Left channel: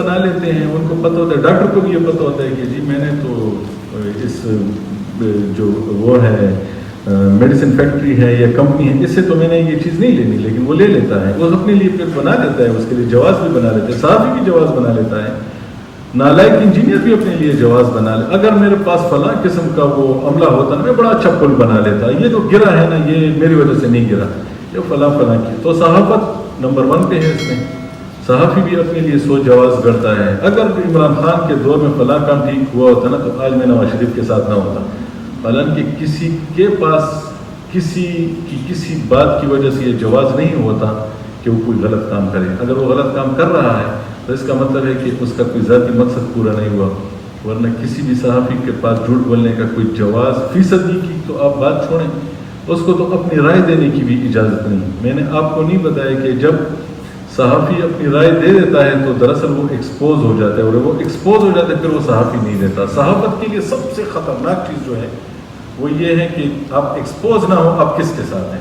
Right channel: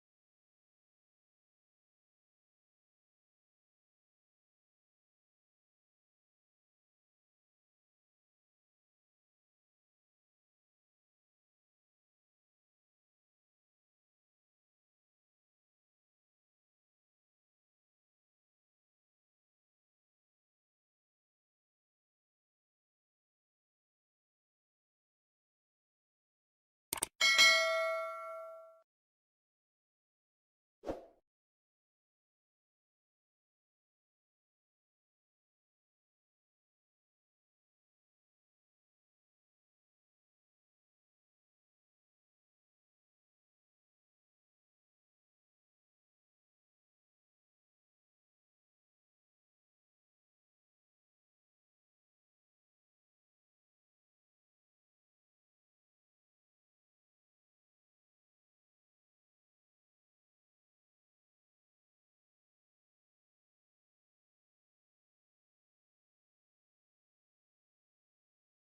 بنا لیتے ہیں، ان کو پتہ ہوتا ہے، ڈاکٹر کو بھی یہ پتہ ہوتا ہے کہ جی میں نے تو اس جو وہ ہے میڈیسن فیکٹری ہے یا کمپنی ہے، اس سے تو میں نے یہ چیز نہیں لینی، لیکن وہ لے لیتا ہے، وہ اپنے لیے پھر بنا لیتا ہے، اس کے لیے جواز بھی بنا لیتا ہے، صحافی بھی جواز بنا لیتا ہے، نالائق انجینئر بھی اپنے لیے جواز بنا لے. اگر میرے پاس فلاں قسم کا وہ عملہ ہوتا نا، میں بڑا اچھا پل بنا لیتا، یہ جو گرا ہے نا یہ میری وجہ سے نہیں گرا، یہ فلاں کی. تو صحافت نمبر 1 پہ ہے اس میں. صحافی بھی اپنے لیے سو جواز گڑتا ہے. اگر عمران خان کے دور میں فلاں کام ٹھیک ہوا ہوتا نا تو آج میں نواز شریف کے ساتھ نہ ہوتا. حالانکہ کسی کے پاس کسی بات کی وجہ سے یہ جواز نہیں ہوتا کہ وہ کوئی غلط کام کرے. اگر وہ غلط کام کر رہا ہے تو اس کا مطلب ہے کہ اس کا کوئی ذاتی مقصد پورا نہیں ہوا. ورنہ کسی بھی صحافی کے پاس جھوٹ بولنے کا کوئی جواز فیصدی کی تو آپ بات چھوڑیں، اس کو تو اپنی رائے دینے کی بھی اجازت نہیں. میں نے آپ کو نہیں بتایا کہ جب صحافی اپنی رائے دے دیتا ہے تو دراصل وہ ایکسپوز ہو جاتا ہے، اور وہ ایکسپوز ہو جاتا ہے پھر وہ صحافی نہیں دیتا. صحافت کے لیے سب سے خطرناک چیز جو ہے وہ یہ ہے کہ آپ ایکسپوز نہ ہو آپ کس کے ساتھ ہیں.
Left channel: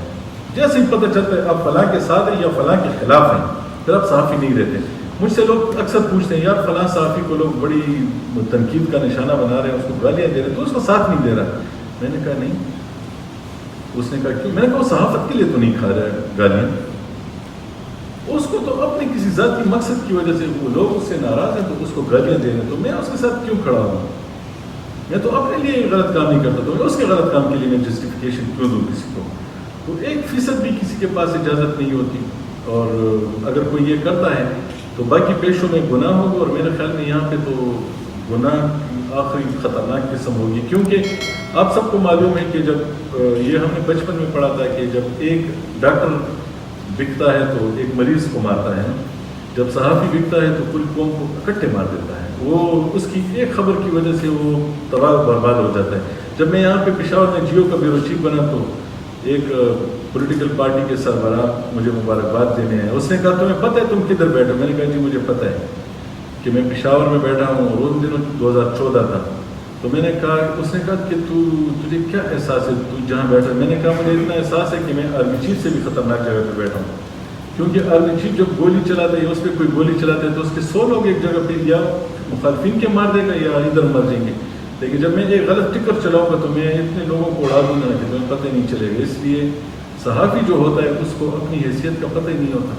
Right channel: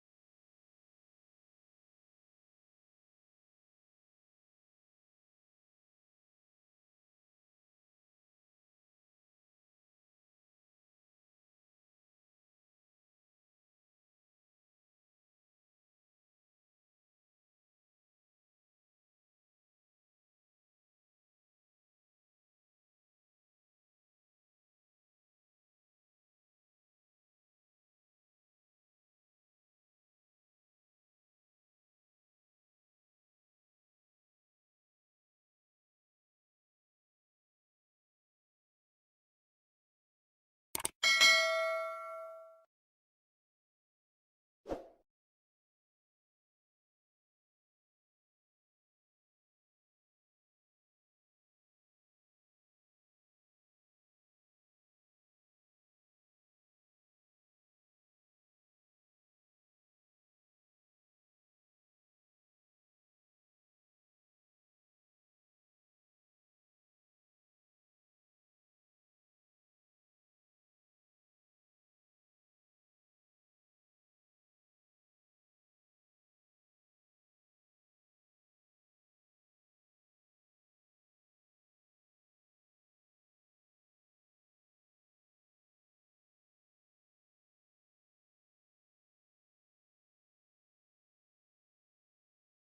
جیسے ہی پتہ چلتا ہے آپ فلاں کے ساتھ ہیں یا فلاں کے خلاف ہیں پھر آپ صحافی نہیں رہتے. مجھ سے لوگ اکثر پوچھتے ہیں یار فلاں صحافی کو لوگ بڑی تنقید کا نشانہ بنا رہے ہیں، اس کو گالیاں دے رہے ہیں تو اس کا ساتھ نہیں دے رہا. میں نے کہا نہیں. اس نے کہا کیوں؟ میں نے کہا وہ صحافت کے لیے تو نہیں کھا رہا ہے گالیاں، اس کو تو اپنے کسی ذاتی مقصد کی وجہ سے وہ لوگ اس سے ناراض ہیں تو اس کو گالیاں دے رہے ہیں، تو میں اس کے ساتھ کیوں کھڑا ہوں؟ میں تو اپنے لیے غلط کام نہیں کرتا، تو میں اس کے غلط کام کے لیے میں جسٹیفیکیشن کیوں دوں کسی کو؟ تو 1% بھی کسی کے پاس اجازت نہیں ہوتی. اور اگر کوئی یہ کرتا ہے تو باقی پیشوں میں گناہ ہوگا، اور میرے خیال میں یہاں پہ تو گناہ کی آخری خطرناک قسم ہوگی. کیونکہ آپ سب کو معلوم ہے کہ جب یہ ہم نے بچپن میں پڑھا تھا کہ جب ایک ڈاکٹر بکتا ہے تو ایک مریض کو مارتا ہے، جب صحافی بکتا ہے تو پوری قوم کو اکٹھے مار دیتا ہے. وہ اس کی ایک خبر کی وجہ سے وہ تباہ و برباد ہو جاتا ہے. جب میں یہاں پہ پشاور میں جیو کا بیورو چیف بنا تو ایک پولیٹیکل پارٹی کے سربراہ مجھے مبارکباد دینے ہیں. اس نے کہا تمہیں پتہ ہے تم کدھر بیٹھے؟ میں نے کہا جی مجھے پتہ ہے کہ میں پشاور میں بیٹھا ہوں، اور ان دنوں 2014 تھا. تو میں نے کہا، اس نے کہا کہ تجھے کیا احساس ہے تو جہاں بیٹھا؟ میں نے کہا مجھے اتنا احساس ہے کہ میں آرمی چیف سے بھی خطرناک جگہ پہ بیٹھا ہوں. کیونکہ آرمی چیف جب گولی چلاتا ہے یا اس پہ کوئی گولی چلاتا ہے تو اس کے 100 لوگ ایک جگہ پہ یا مخالفین کے مار دے گا یا ادھر مر جائیں گے. لیکن جب میں ایک غلط ٹکر چلاؤں گا تو میں اتنے لوگوں کو اڑا دوں گا کہ تمہیں پتہ نہیں چلے گا. اس لیے صحافی جو ہوتا ہے اس کو اپنی حیثیت کا پتہ ہی نہیں ہوتا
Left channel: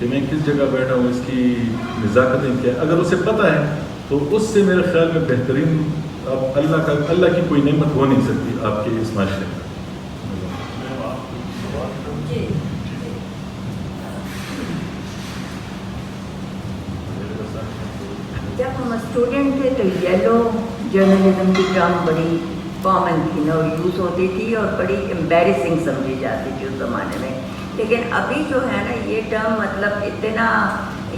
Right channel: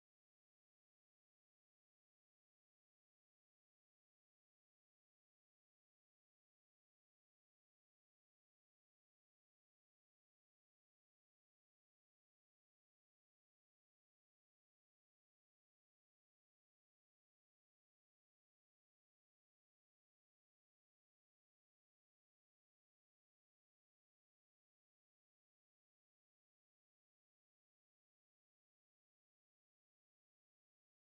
کہ میں کس جگہ بیٹھا ہوں، اس کی نزاکتیں کیا. اگر اسے پتہ ہے تو اس سے میرے خیال میں بہترین اب اللہ کی کوئی نعمت ہو نہیں سکتی آپ کے اس معاشرے میں. جب ہم اسٹوڈنٹ تھے تو یلو جرنلزم کی ٹرم بڑی کامن تھی نا، یوز ہوتی تھی اور بڑی امبیرسنگ سمجھی جاتی تھی اس زمانے میں. لیکن ابھی جو ہے نا یہ ٹرم مطلب اتنا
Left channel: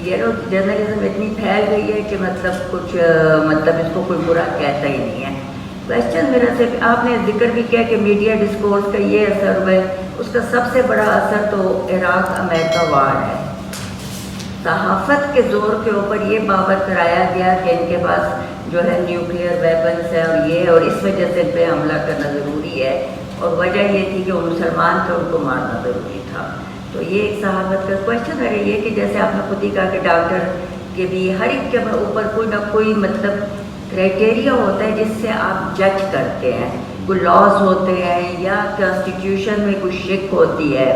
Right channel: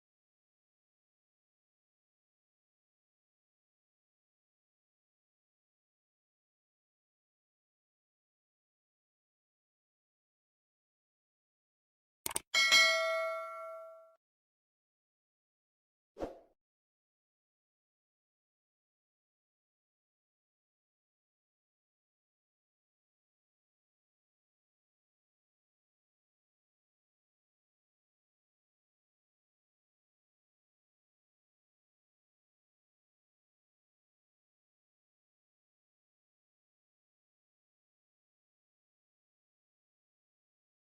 یلو جرنلزم اتنی پھیل گئی ہے کہ مطلب اس کو کوئی برا کہتا ہی نہیں ہے. کویشچن میرا صرف، آپ نے ذکر بھی کیا کہ میڈیا ڈسکورس کا یہ اثر ہوا ہے، اس کا سب سے بڑا اثر تو عراق امریکہ وار ہے. صحافت کے زور کے اوپر یہ باور کرایا گیا کہ ان کے پاس جو ہے نیوکلیئر ویپنس ہے اور اس وجہ سے ان پہ حملہ کرنا ضروری ہے، اور وجہ یہ تھی کہ وہ مسلمان تھے ان کو مارنا ضروری تھا. تو یہ ایک صحافت کا کویشچن ہے یہ کہ جیسے آپ نے خود ہی کہا کہ ڈاکٹر کے بھی ہر ایک کے اوپر کوئی نہ کوئی مطلب کرائٹیریا ہوتا ہے جس سے آپ جج کرتے ہیں. کوئی لاز ہوتے ہیں یا کانسٹیٹیوشن میں کوئی شک ہوتی ہے.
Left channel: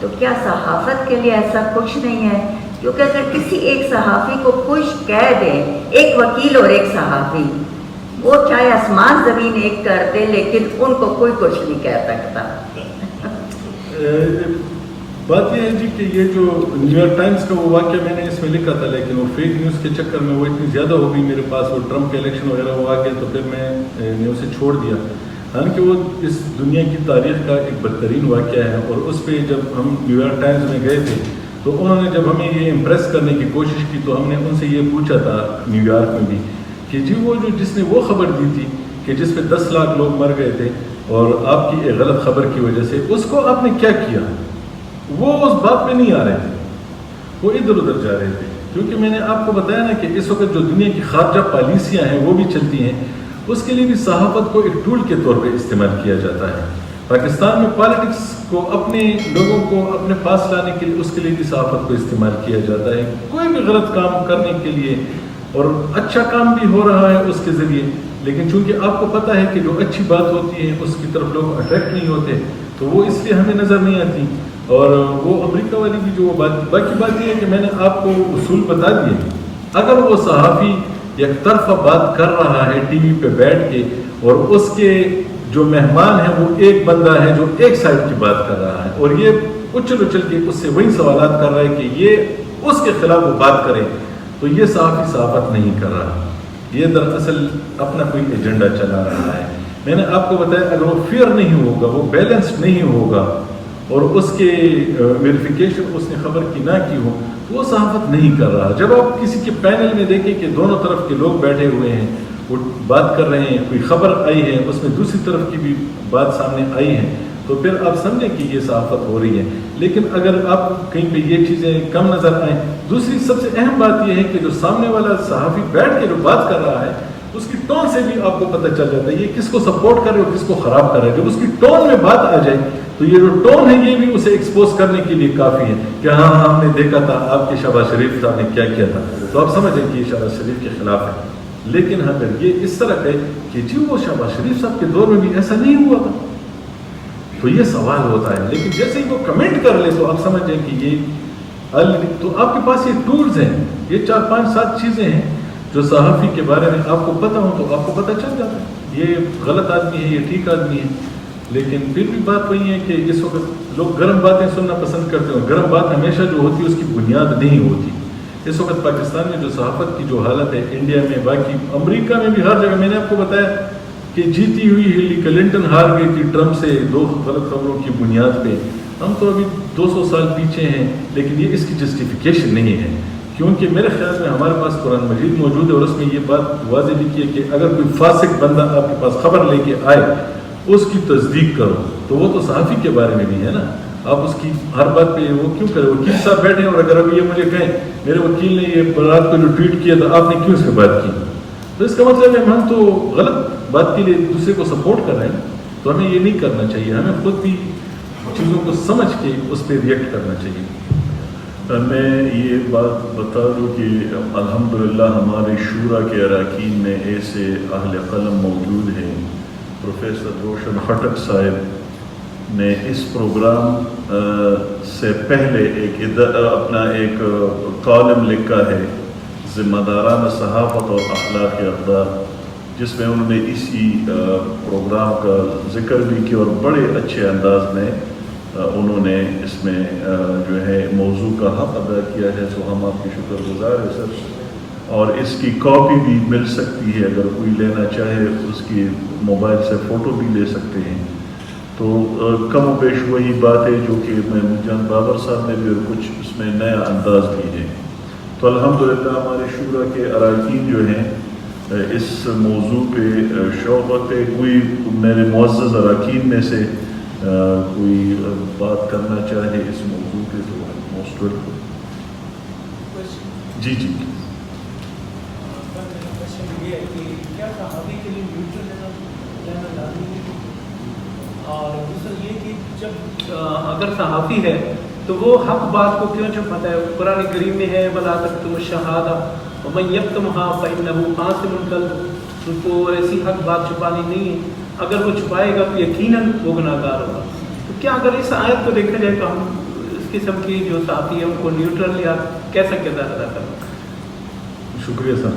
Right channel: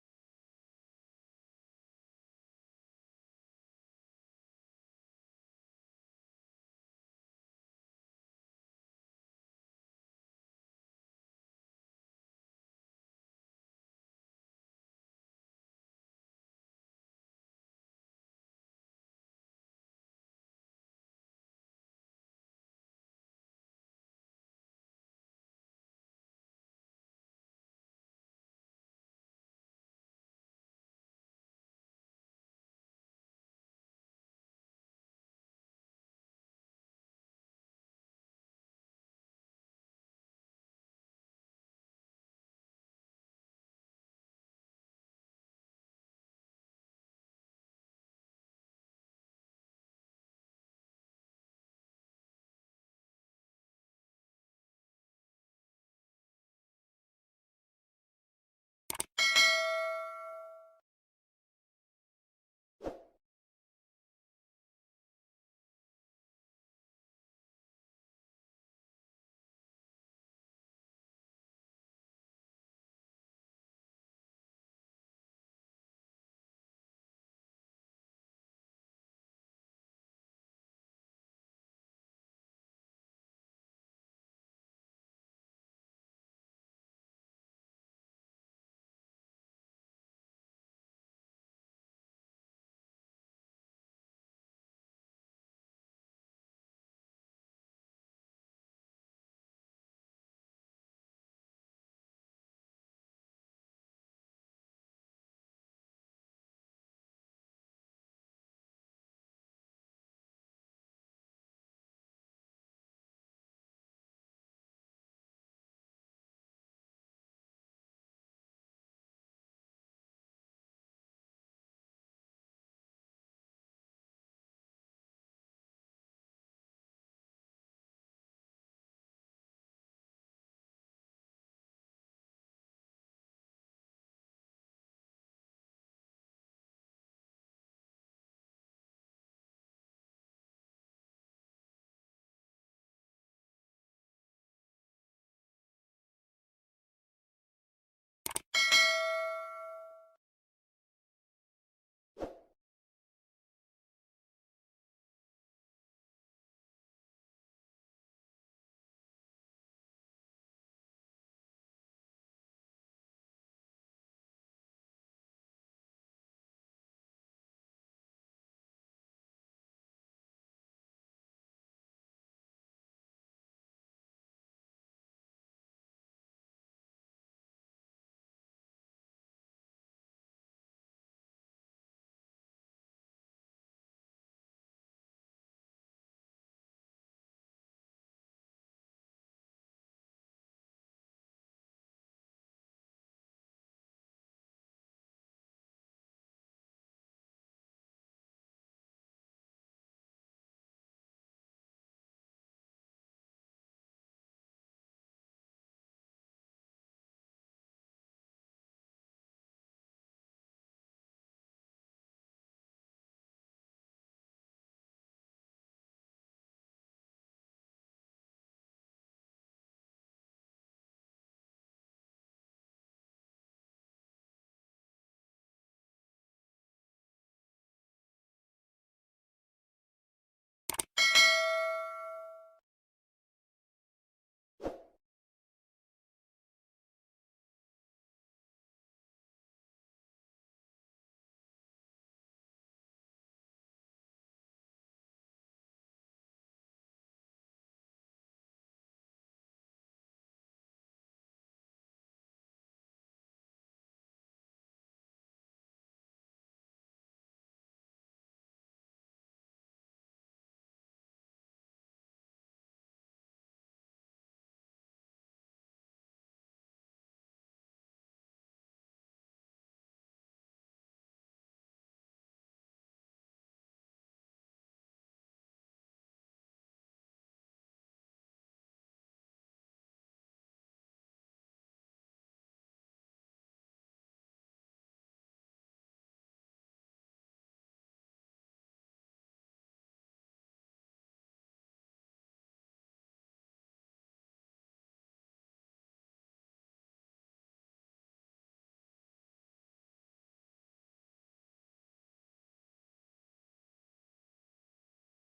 تو کیا صحافت کے لیے ایسا کچھ نہیں ہے؟ کیونکہ اگر کسی ایک صحافی کو کچھ کہہ دیں، ایک وکیل اور ایک صحافی، وہ چاہے آسمان زمین ایک کر دے لیکن ان کو کوئی کچھ نہیں کہہ سکتا. بات یہ ہے جی کہ یہ جو نیو یارک ٹائمز کا وہ واقعہ میں نے اس میں لکھا تھا، لیکن وہ فیک نیوز کے چکر میں وہ اتنی زیادہ ہو گئی میرے پاس، وہ ٹرمپ کے الیکشن وغیرہ وہ آ گئے تو پھر میں نے اسے چھوڑ دیا. حالانکہ وہ اس دنیا کی تاریخ کا ایک بدترین واقعہ ہے. اور اس پہ جب ہم نیو یارک ٹائمز میں گئے تھے تو انہوں نے جب ہمیں یہ امپریس کرنے کی کوشش کی تو ہم نے ان سے یہ پوچھا تھا نیو یارک میں بھی کہ جی وہ جس نے وہ خبر دی تھی کہ جس پہ 10 لاکھ لوگ مر گئے تھے اور آپ کی ایک غلط خبر کی وجہ سے، اس کو آپ نے کیا کیا؟ وہ اس بات پہ نہیں آ رہے تھے، وہ ادھر ادھر جا رہے تھے. کیونکہ میں نے آپ کو بتایا نا کہ اس وقت جو دنیا کی خارجہ پالیسیاں ہیں وہ بھی چلتی ہیں، اس کے لیے بھی صحافت کو ایک ٹول کے طور پہ استعمال کیا جاتا ہے. پاکستان میں پالیٹکس کو اپنے لوگوں کو اپنے پاس لانے کے لیے اس کے لیے بھی صحافت کو استعمال کیا جاتا ہے، کوئی بھی غلط کام کرنے کے لیے، اور اچھا کام بھی ہو رہا ہے اس کے ذریعے، لیکن چونکہ آپ کو پتہ ہے کہ جو اچھی بات ہوتی ہے اس کی طرف لوگ اٹریکٹ نہیں ہوتے، تو وہ اس لیے ہمیں نظر نہیں آتی۔ اور وہ امریکہ والی بھی جو بات، باقی بات یہ ہے کہ میں نے آپ کو اصول بتا دیے، اگر وہ صحافی یک طرفہ بات کر رہا ہے ٹی وی پہ بیٹھ کے، اور اس کے جو مہمان ہیں وہ ایک بندہ ہے جو ایک سائڈ کی بات کر رہا ہے، اور یہ اچھل اچھل کے اس سے وہی سوالات کر رہا ہے کہ یہ اس کے خلاف وہ بات کرے، تو یہ صحافی صحافت نہیں کر رہا، یہ دراصل اپنا کوئی ایجنڈا چلا رہا ہے۔ میں نے آپ کو بتایا اگر وہ فیئر نہیں ہوگا، وہ بیلنسڈ نہیں ہوگا، اور اس کے ویریفیکیشن اس نے خبر کی نہ کی ہو، تو وہ صحافت نہیں کر رہا۔ جب آپ کسی کے پینل میں دیکھیں کہ دونوں طرف کے لوگ بیٹھے ہوئے ہیں، وہ بات کر رہے ہیں، کوئی خبر آئی ہے اس میں دوسری طرف کی بھی بات سامنے آئی ہے، تو پھر آپ سمجھیں کہ یہ صحافت ہو رہی ہے۔ لیکن اگر آپ کہیں پہ یہ چیزیں کم نظر آئیں، دوسری سب سے اہم بات یہ ہے کہ جو سامنے والا صحافی بیٹھ کے جو بات کر رہا ہے اس کی ٹون سے بھی آپ کو پتہ چل جاتا ہے یہ کس کو سپورٹ کر رہے اور کس کو خراب کر رہے ہیں۔ جب اس کی ٹون میں بات آ جائے تو یہ جو ٹون ہے یہ بھی اسے ایکسپوز کرنے کے لیے کافی ہے کہ ہاں ہم نے دیکھا تھا آپ کے شہباز شریف صاحب نے کیا کیا تھا، تو آپ سمجھیں کہ یہ شہباز شریف کے خلاف ہے۔ لیکن اگر یہ اس طرح ہے کہ جی وہ شہباز شریف صاحب کے دور میں بھی ایسا نہیں ہوا تھا، تو یہ سوال ہوتا ہے۔ لیکن جیسے ہی وہ کمنٹ کر لے تو آپ سمجھ جائیں کہ یہ تو آپ کے پاس یہ ٹولز ہیں، یہ 4 5 7 چیزیں ہیں جو صحافی کے بارے میں آپ کو پتہ ہو تو آپ کو پتہ چل جاتا ہے یہ غلط آدمی ہے، یہ ٹھیک آدمی ہے۔ لیکن پھر بھی بات وہی ہے کہ اس وقت لوگ گرم باتیں سننا پسند کرتے ہیں، گرم بات ہمیشہ جو ہوتی ہے اس کی بنیاد نہیں ہوتی۔ اس وقت پاکستان میں جو صحافت کی جو حالت ہے، انڈیا میں، باقی امریکہ میں بھی، ہر جگہ، میں نے آپ کو بتایا کہ جیتی ہوئی ہیلی کلنٹن ہار گئی تھی ٹرمپ سے 2 غلط خبروں کی بنیاد پہ۔ ہم تو ابھی 200 سال پیچھے ہیں، لیکن یہ اس کی جسٹیفیکیشن نہیں ہے، کیونکہ میرے خیال میں ہمارے پاس قرآن مجید موجود ہے اور اس میں یہ بات واضح لکھی ہے کہ اگر کوئی فاسق بندہ آپ کے پاس خبر لے کے آئے اس کی تصدیق کرو، تو وہ تو صحافی کے بارے میں بھی ہے نا، آپ اس کی ہر بات پہ وہ کیوں کرے؟ وکیل صاحب بیٹھے اور اگر ابھی یہ مجھے کہیں میرے وکیل نے یہ رات کو جو ٹویٹ کیا تھا آپ نے کیوں اس پہ بات کی، تو اس کا مطلب ہے ہم تو غلط بات کے لیے دوسرے کو سپورٹ کر رہے ہیں، تو ہمیں یہ نہیں کرنا چاہیے، ہمیں خود بھی چیزوں کو سمجھ کے اس پہ ریئیکٹ کرنا چاہیے۔ میں یہ بات بتا دوں کہ الحمدللہ ہمارے شورا کے اراکین میں ایسے اہل قلم موجود ہیں۔ پروفیسر روشن خٹک صاحب نے اس پروگرام سے پہلے اپنا ایک کالم لکھا ہے، ذمہ دارانہ صحافت اور اخلاقی اقدار، جس میں انہوں نے اسی پروگرام کا ذکر بھی کیا اور بڑے اچھے انداز میں انہوں نے اس میں جو ہے موضوع کا حق ادا کیا ہے، سو ہم آپ کے شکر گزار ہیں سر۔ اور اس کی کاپی بھی مل سکتی ہے، اگر کوئی لینا چاہے اس کی موبائل سے فوٹو بھی لے سکتے ہیں۔ تو کم و بیش وہی بات ہے جو کہ محمود جان بابر صاحب نے بھی، اور کچھ اس میں نیا انداز بھی ہے۔ تو الحمدللہ ہمارے شورا کے اراکین جو ہیں اس موضوع پہ شوق رکھتے۔ کوئی میرے معزز اراکین میں سے کوئی بات کرنا چاہے اس موضوع پہ تو موسٹ ویلکم۔ جی جی یہ ہے کہ کیا صحافی کے لیے نیوٹرل رہنا لازمی ہے؟ اور دوسرا یہ کہ جب اگر صحافی ہے تو وہ حق بات کو کیوں چھپاتا ہے؟ قرآن کریم میں ہے وَلَا تَكْتُمُوا الشَّهَادَةَ وَمَن يَكْتُمْهَا فَإِنَّهُ آثِمٌ قَلْبُهُ، ان کو ایسی حق بات چھپانی نہیں ہے، اگر وہ چھپائے گا تو یقیناً وہ گناہگار ہوگا۔ تو کیا اگر اس آیت کو دیکھا جائے تو ہم اس قسم کی جو صحافی ہے ان کو نیوٹرل یا کیسا کردار ادا کریں؟ شکریہ سر۔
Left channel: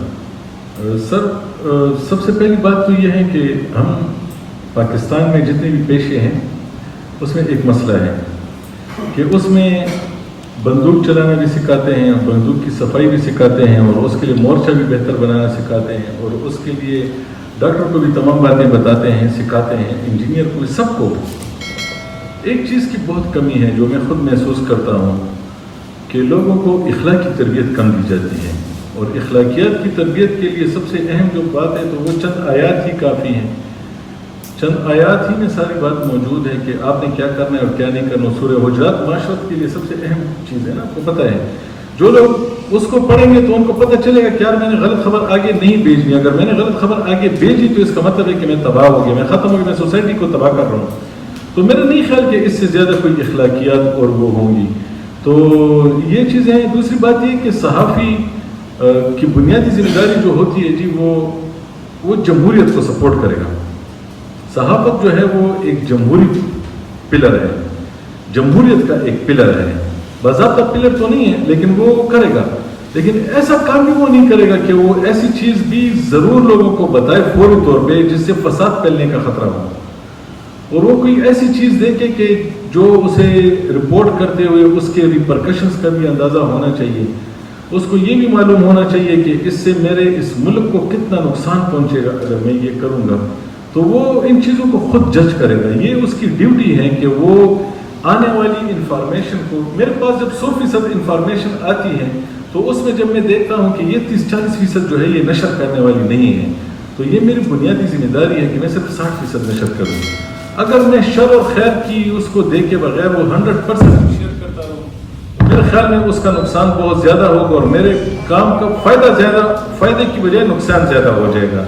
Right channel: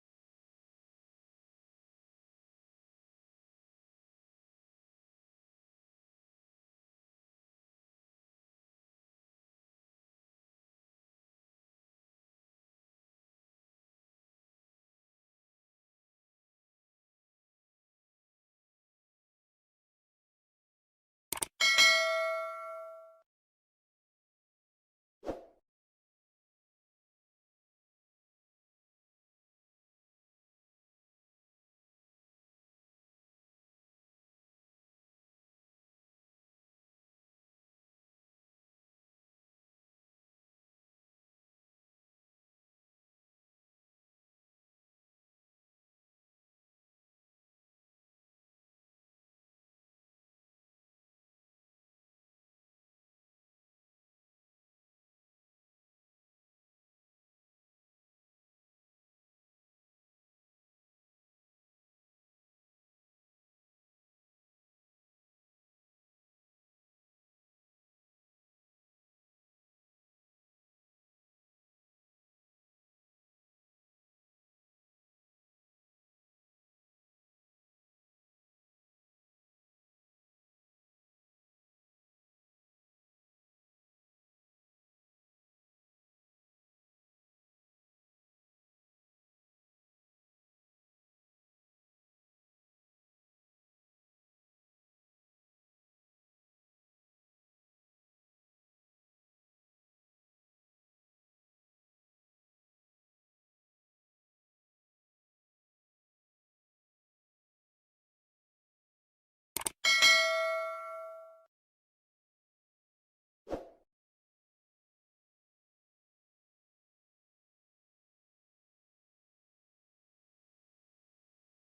سر سب سے پہلی بات تو یہ ہے کہ ہم پاکستان میں جتنے بھی پیشے ہیں اس میں ایک مسئلہ ہے کہ اس میں بندوق چلانا بھی سکھاتے ہیں، بندوق کی صفائی بھی سکھاتے ہیں، اور اس کے لیے مورچہ بھی بہتر بنانا سکھاتے ہیں، اور اس کے لیے ڈاکٹر کو بھی تمام باتیں بتاتے ہیں، سکھاتے ہیں، انجینئر کو بھی، سب کو۔ ایک چیز کی بہت کمی ہے جو میں خود محسوس کرتا ہوں کہ لوگوں کو اخلاقی تربیت کم دی جاتی ہے، اور اخلاقیات کی تربیت کے لیے سب سے اہم جو بات ہے تو وہ چند آیات ہی کافی ہیں۔ چند آیات ہی میں ساری بات موجود ہے کہ آپ نے کیا کرنا ہے اور کیا نہیں کرنا۔ سورہ حجرات معاشرت کے لیے سب سے اہم چیز ہے نا، آپ کو پتہ ہے۔ جو لوگ اس کو پڑھیں گے تو ان کو پتہ چلے گا کہ یار میں نے غلط خبر آگے نہیں بھیجنی، اگر میں نے غلط خبر آگے بھیجی تو اس کا مطلب ہے کہ میں تباہ ہو گیا، میں ختم ہو گیا، میں سوسائٹی کو تباہ کر رہا ہوں۔ تو میرا نہیں خیال کہ اس سے زیادہ کوئی اخلاقیات اور وہ ہوں گی. تو یہ چیزیں ہیں. دوسری بات یہ کہ صحافی کی بنیادی ذمہ داری جو ہوتی ہے جی وہ جمہوریت کو سپورٹ کرے گا. صحافت جو ہے وہ ایک جمہوری پلر ہے, جمہوریت کا ایک پلر ہے. باضابطہ پلر تو نہیں ہے لیکن وہ کرے گا. لیکن ایسا کام بھی وہ نہیں کرے گا کہ وہ ایسی چیز بھی ضرور لوگوں کو بتائے فوری طور پہ جس سے فساد پھیلنے کا خطرہ ہو, اور وہ کوئی ایسی چیز دیکھے کہ جو اسے رپورٹ کرتے ہوئے اس کے ریپرکشنز کا بھی اندازہ ہونا چاہیے. اس کو یہ بھی معلوم ہونا چاہیے کہ اس سے میرے اس ملک کو کتنا نقصان پہنچے گا اگر میں یہ کروں گا. تو وہ ان چیزوں کو خود جج کرے گا. یہ اس کی ڈیوٹی ہے کہ وہ آنے والی انفارمیشن کو, میرے پاس جب 100% انفارمیشن آتی ہے تو اس میں جب میں دیکھتا ہوں کہ یہ 30-40% جو ہے یہ نشر کرنے والی نہیں ہے, تو یہ میری بنیادی ذمہ داری ہے کہ میں صرف 60% نشر کروں. اگر میں شر اور خیر کی اس کو دیکھے بغیر وہ 100% شیئر کرتا رہوں, میرے خیال میں اس کا نقصان بہت زیادہ ہوگا اور میرے کام کا فائدے کی بجائے نقصان زیادہ ہو جائے گا.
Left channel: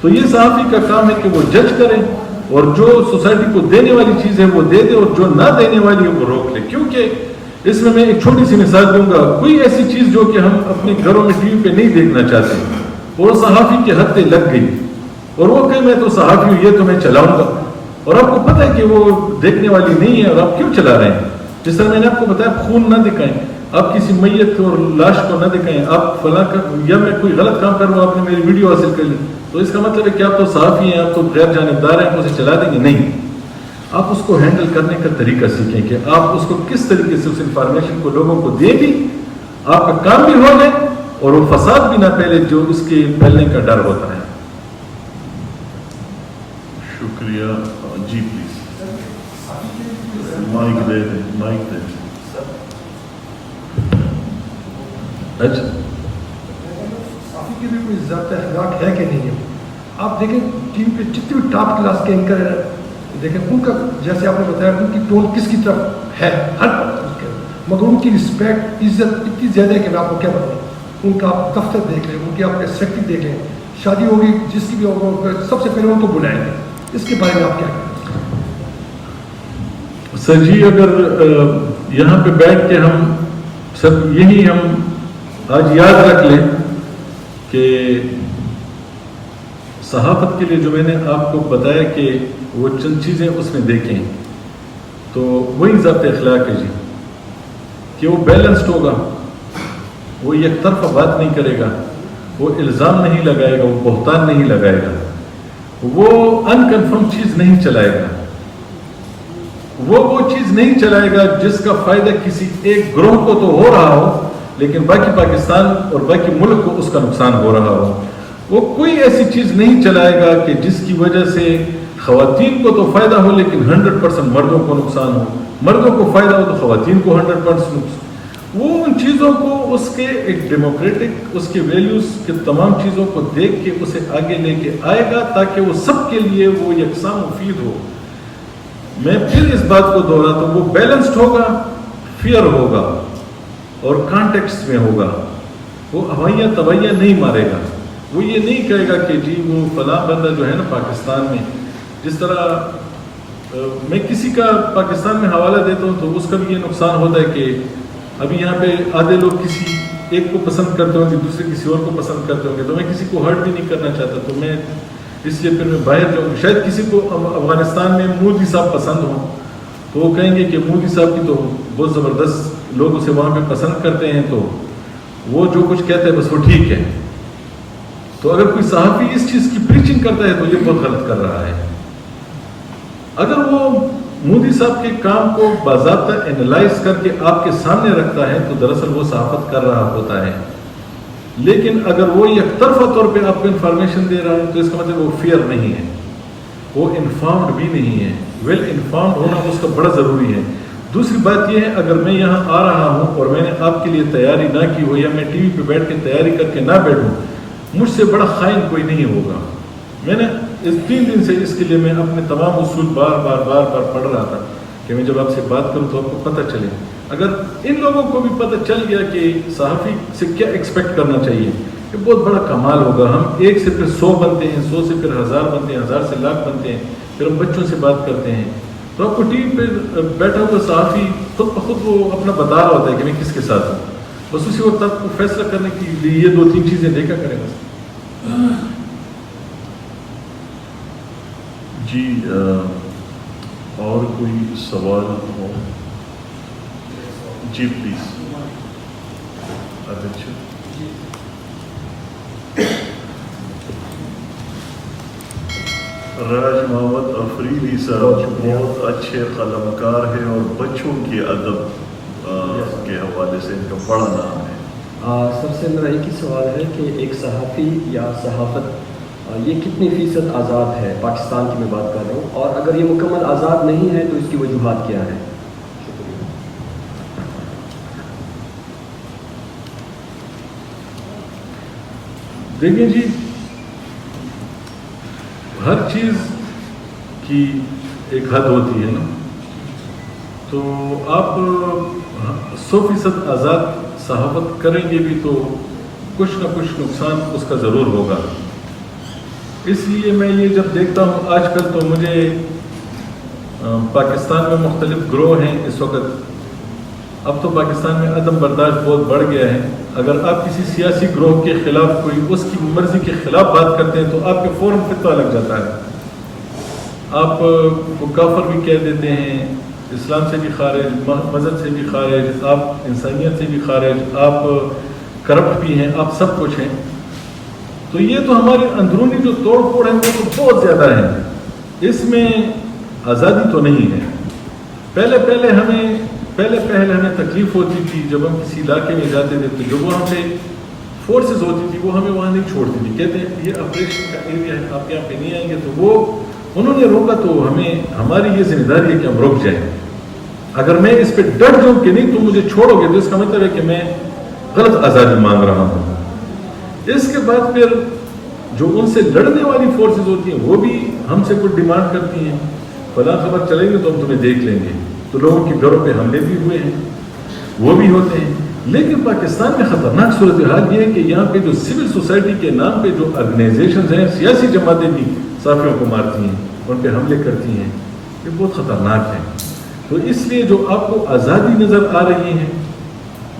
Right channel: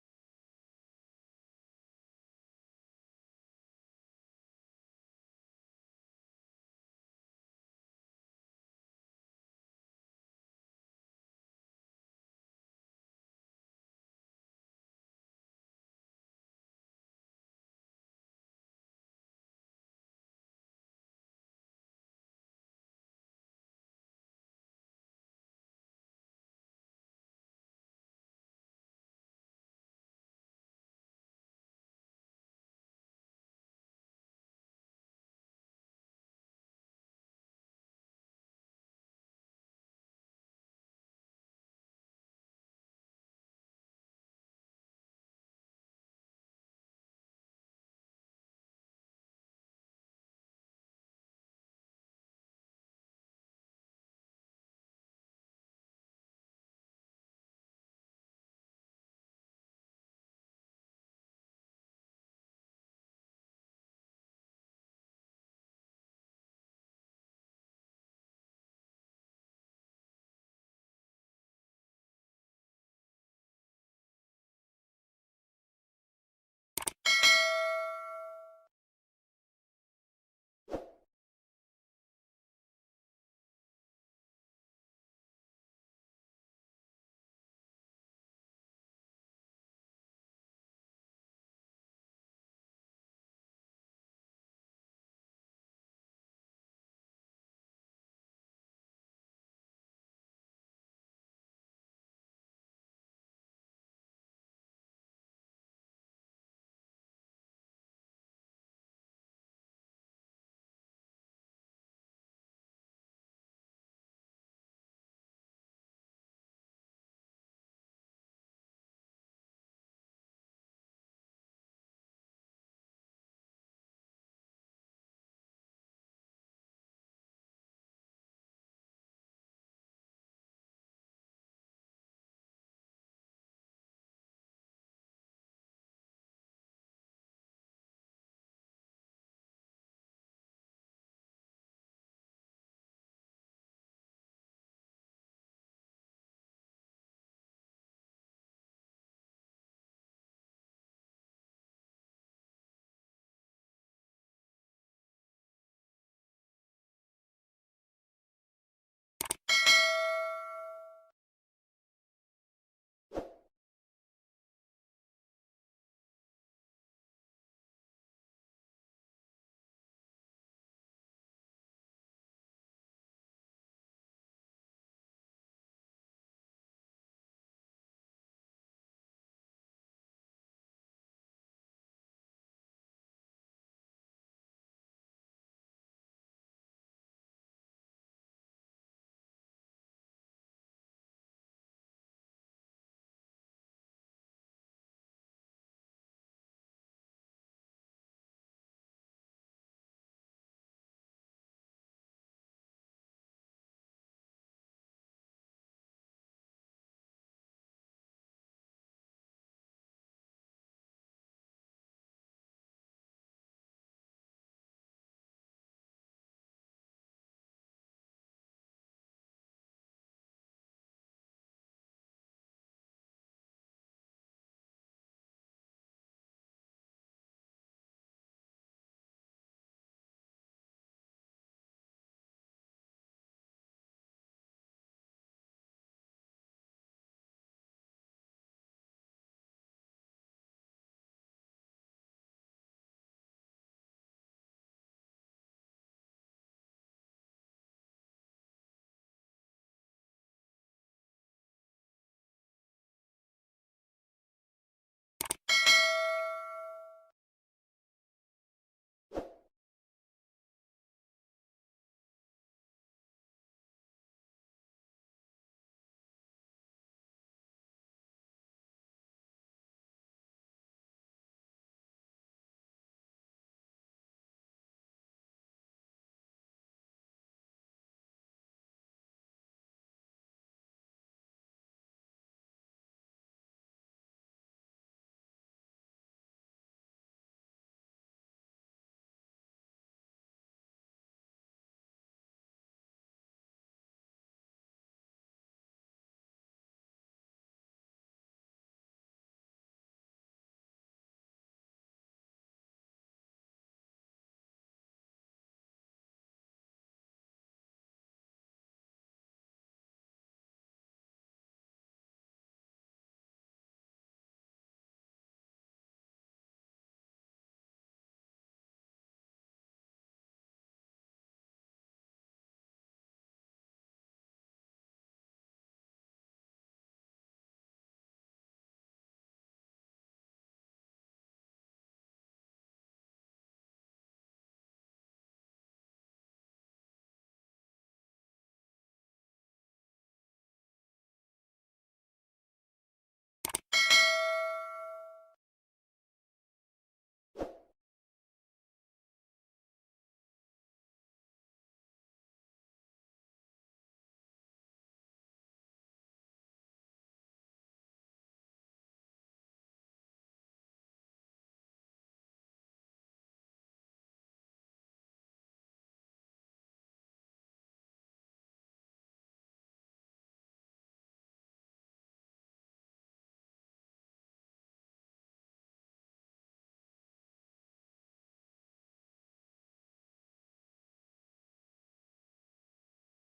تو یہ صحافی کا کام ہے کہ وہ جج کریں اور جو سوسائٹی کو دینے والی چیز ہے وہ دے دے اور جو نہ دینے والی ہے وہ روک لے. کیونکہ اس میں ایک چھوٹی سی مثال دوں گا. کوئی ایسی چیز جو کہ ہم اپنے گھروں میں ٹی وی پہ نہیں دیکھنا چاہتے, اور صحافی کے ہاتھ پہ لگ گئی اور وہ کہ میں تو صحافی ہوں, یہ تو میں چلاؤں گا, اور آپ کو پتہ ہے کہ وہ دیکھنے والی نہیں ہے اور آپ کیوں چلا رہے ہیں. جس طرح میں نے آپ کو بتایا خون نہ دکھائیں, آپ کسی میت اور لاش کو نہ دکھائیں, آپ فلاں یا میں کوئی غلط کام کر رہا ہوں, آپ نے میری ویڈیو حاصل کر لی, تو اس کا مطلب ہے کہ آپ تو صحافی ہیں, آپ تو غیر جانبدار ہیں, آپ اسے چلا دیں گے. نہیں, آپ اس کو ہینڈل کرنے کا طریقہ سیکھیں کہ آپ اس کو کس طریقے سے اس انفارمیشن کو لوگوں کو دیں بھی, آپ کا کام بھی ہو جائے اور وہ فساد بھی نہ پھیلے جو اس کے پھیلنے کا ڈر ہوتا ہے. شکریہ. جی پلیز مائک دے دیں, مائک دے دیں. اچھا, صحافی کی بھی کوئی ضابطہ اخلاق ہے کہ نہیں ہے؟ آپ دیکھیں ٹی وی پہ جتنے بھی ٹاپ کلاس کے اینکر ہیں, دیکھیں ان کا جیسے آپ نے بتایا ان کی ٹون کس کی طرف ہے, ہر مگر ان کی رسپیکٹ عزت اتنی زیادہ ہے کہ میں آپ کو کیا بتاؤں. ان کا آپ دفتر دیکھ لیں, ان کی آپ سیکٹری دیکھ لیں, شادی ہوگی جس کی بھی ہوگا سب سے پہلے ان کو بلائیں گے. اس کے بارے میں آپ کیا کہیں؟ سر جی, اگر یہاں پہ بیٹھ کے ہم سب یہی ہم آج یاد رکھ لیں کہ صحافت کے لیے جو میں نے آپ کو بتایا کہ وہ چند چیزیں اس میں دیکھیں, تو وہی ضابط اخلاق ہے جی, کہ وہ بیلنسڈ ہوگا, وہ یک طرفہ بات نہیں کرے گا, وہ الزام نہیں لگائے گا, وہ بہتان نہیں لگائے گا, وہ انکنفرم چیز نہیں چلائے گا, وہ چیز نہیں چلائے گا جس کا فائدہ کسی ایک گروہ کو تو ہو رہا ہو لیکن باقی پاکستان اور باقی ملک کو اس کا نقصان ہو رہا ہو. وہ کوئی ایسی چیز نہیں چلائے گا کہ جس کی وجہ سے خواتین کو تو فائدہ ہو لیکن 100% مردوں کو نقصان ہو, مردوں کو فائدہ ہو تو خواتین کو 100% نقصان. وہ ان چیزوں کو اس کے ایک ڈیموکریٹک اس کے ویلیوز کے تمام چیزوں کو دیکھ کے اسے آگے لے کے آئے گا تاکہ وہ سب کے لیے وہ یکساں مفید ہو. میں پھر اس بات کو دوہراتا ہوں, وہ بیلنسڈ ہوگا, فیئر ہوگا اور کانٹیکسٹ میں ہوگا. وہ ہوائیاں طبعیہ نہیں مارے گا. وہ یہ نہیں کہے گا کہ جی وہ فلاں بندہ جو ہے نا پاکستان میں, جس طرح میں کسی کا پاکستان میں حوالہ دیتا ہوں تو اس کا بھی یہ نقصان ہوتا ہے کہ ابھی یہاں پہ آدھے لوگ کسی ایک کو پسند کرتے ہوں گے, دوسرے کسی اور کو پسند کرتے ہوں گے, تو میں کسی کو ہرٹ بھی نہیں کرنا چاہتا, تو میں اس لیے پھر میں باہر جاؤں. شاید کسی کو افغانستان میں مودی صاحب پسند ہوں تو وہ کہیں گے کہ مودی صاحب کی تو بہت زبردست لوگ اسے وہاں پہ پسند کرتے ہیں, تو وہ جو کچھ کہتے ہیں بس وہ ٹھیک ہے. تو اگر کوئی صحافی اس چیز کی پریچنگ کرتا ہے تو یہ بہت غلط کر رہا ہے. اگر وہ مودی صاحب کے کام کو باضابطہ انالائز کر کے آپ کے سامنے رکھتا ہے تو دراصل وہ صحافت کر رہا ہوتا ہے. لیکن اگر وہ یک طرفہ طور پہ آپ کو انفارمیشن دے رہا ہے تو اس کا مطلب وہ فیئر نہیں ہے, وہ انفارمڈ بھی نہیں ہے. ویل انفارمڈ ہونا اس کا بڑا ضروری ہے. دوسری بات یہ ہے, اگر میں یہاں آ رہا ہوں اور میں نے آپ کے لیے تیاری نہ کی ہو یا میں ٹی وی پہ بیٹھ کے تیاری کر کے نہ بیٹھوں, مجھ سے بڑا خائن کوئی نہیں ہوگا. میں نے اس 3 دن سے اس کے لیے میں اپنے تمام اصول بار بار پڑھ رہا تھا کہ میں جب آپ سے بات کروں تو آپ کو پتہ چلے. اگر ان لوگوں کو بھی پتہ چل گیا کہ صحافی سے کیا ایکسپیکٹ کرنا چاہیے, یہ بہت بڑا کمال ہوگا. ہم 1 سے پھر 100 بنتے ہیں, 100 سے پھر 1000 بنتے ہیں, 1000 سے لاکھ بنتے ہیں, پھر ہم بچوں سے بات کرتے ہیں. تو آپ کو ٹی وی پہ بیٹھا ہوا صحافی خود بخود وہ اپنا بتا رہا ہوتا ہے کہ میں کس کے ساتھ ہوں، بس اسی وقت آپ کو فیصلہ کرنے کے لیے یہ 2-3 چیزیں دیکھا کریں بس. جی اور کوئی سوال ہو؟ جی پلیز. اچھا راج محمد افریدی صاحب بہت اچھے قلمکار ہیں اور بچوں کے ادب کے حوالے سے ان کا بڑا نام ہے. سب سے میرا ایک ہی سوال ہے کہ ایک صحافی یا صحافت یہ کتنی فیصد آزاد ہے؟ پاکستان کی میں بات کر رہا ہوں، اور اگر یہ مکمل آزاد نہیں ہے تو اس کی وجوہات کیا ہیں؟ دیکھیں جی، ہر چیز کی ایک حد ہوتی ہے نا، تو آپ 100% آزاد صحافت کریں گے بھی تو کچھ نہ کچھ نقصان اس کا ضرور ہوگا. اس لیے میں یہ جب دیکھتا ہوں آج کل تو مجھے پاکستان میں مختلف گروہ ہیں اس وقت. اب تو پاکستان میں عدم برداشت بہت بڑھ گیا ہے. اگر آپ کسی سیاسی گروہ کے خلاف کوئی اس کی مرضی کے خلاف بات کرتے ہیں تو آپ کے فوراً فتویٰ لگ جاتا ہے. آپ کو کافر بھی کہہ دیتے ہیں، اسلام سے بھی خارج، مذہب سے بھی خارج، آپ انسانیت سے بھی خارج، آپ کرپٹ بھی ہیں، آپ سب کچھ ہیں. تو یہ تو ہماری اندرونی جو توڑ پھوڑ ہے وہ تو بہت زیادہ ہے. اس میں آزادی تو نہیں ہے. پہلے ہمیں تکلیف ہوتی تھی جب ہم کسی علاقے میں جاتے تھے تو جو وہ ہم سے فورسز ہوتی تھی وہ ہمیں وہاں نہیں چھوڑتی تھی. کہتے ہیں یہ آپریشن کا ایریا ہے، آپ یہاں پہ نہیں آئیں گے. تو وہ انہوں نے روکا تو ہماری یہ ذمہ داری ہے کہ ہم رک جائیں. اگر میں اس پہ ڈٹ جاؤں کہ نہیں تم مجھے چھوڑو گے تو اس کا مطلب ہے کہ میں غلط آزادی مانگ رہا ہوں. اس کے بعد پھر جو ان سے لڑنے والی فورسز ہوتی ہیں وہ بھی ہم سے کچھ ڈیمانڈ کرتی ہیں، فلاں خبر چلیں گے تو ہم تمہیں دیکھ لیں گے. تو لوگوں کے گھروں پہ حملے بھی ہوئے ہیں، وہ بھی ہوتے ہیں. لیکن پاکستان میں خطرناک صورتحال یہ ہے کہ یہاں پہ جو سول سوسائٹی کے نام پہ جو آرگنائزیشنز ہیں، سیاسی جماعتیں بھی صحافیوں کو مارتی ہیں، ان پہ حملے کرتی ہیں. یہ بہت خطرناک ہے. تو اس لیے جو آپ کو آزادی نظر آ رہی ہے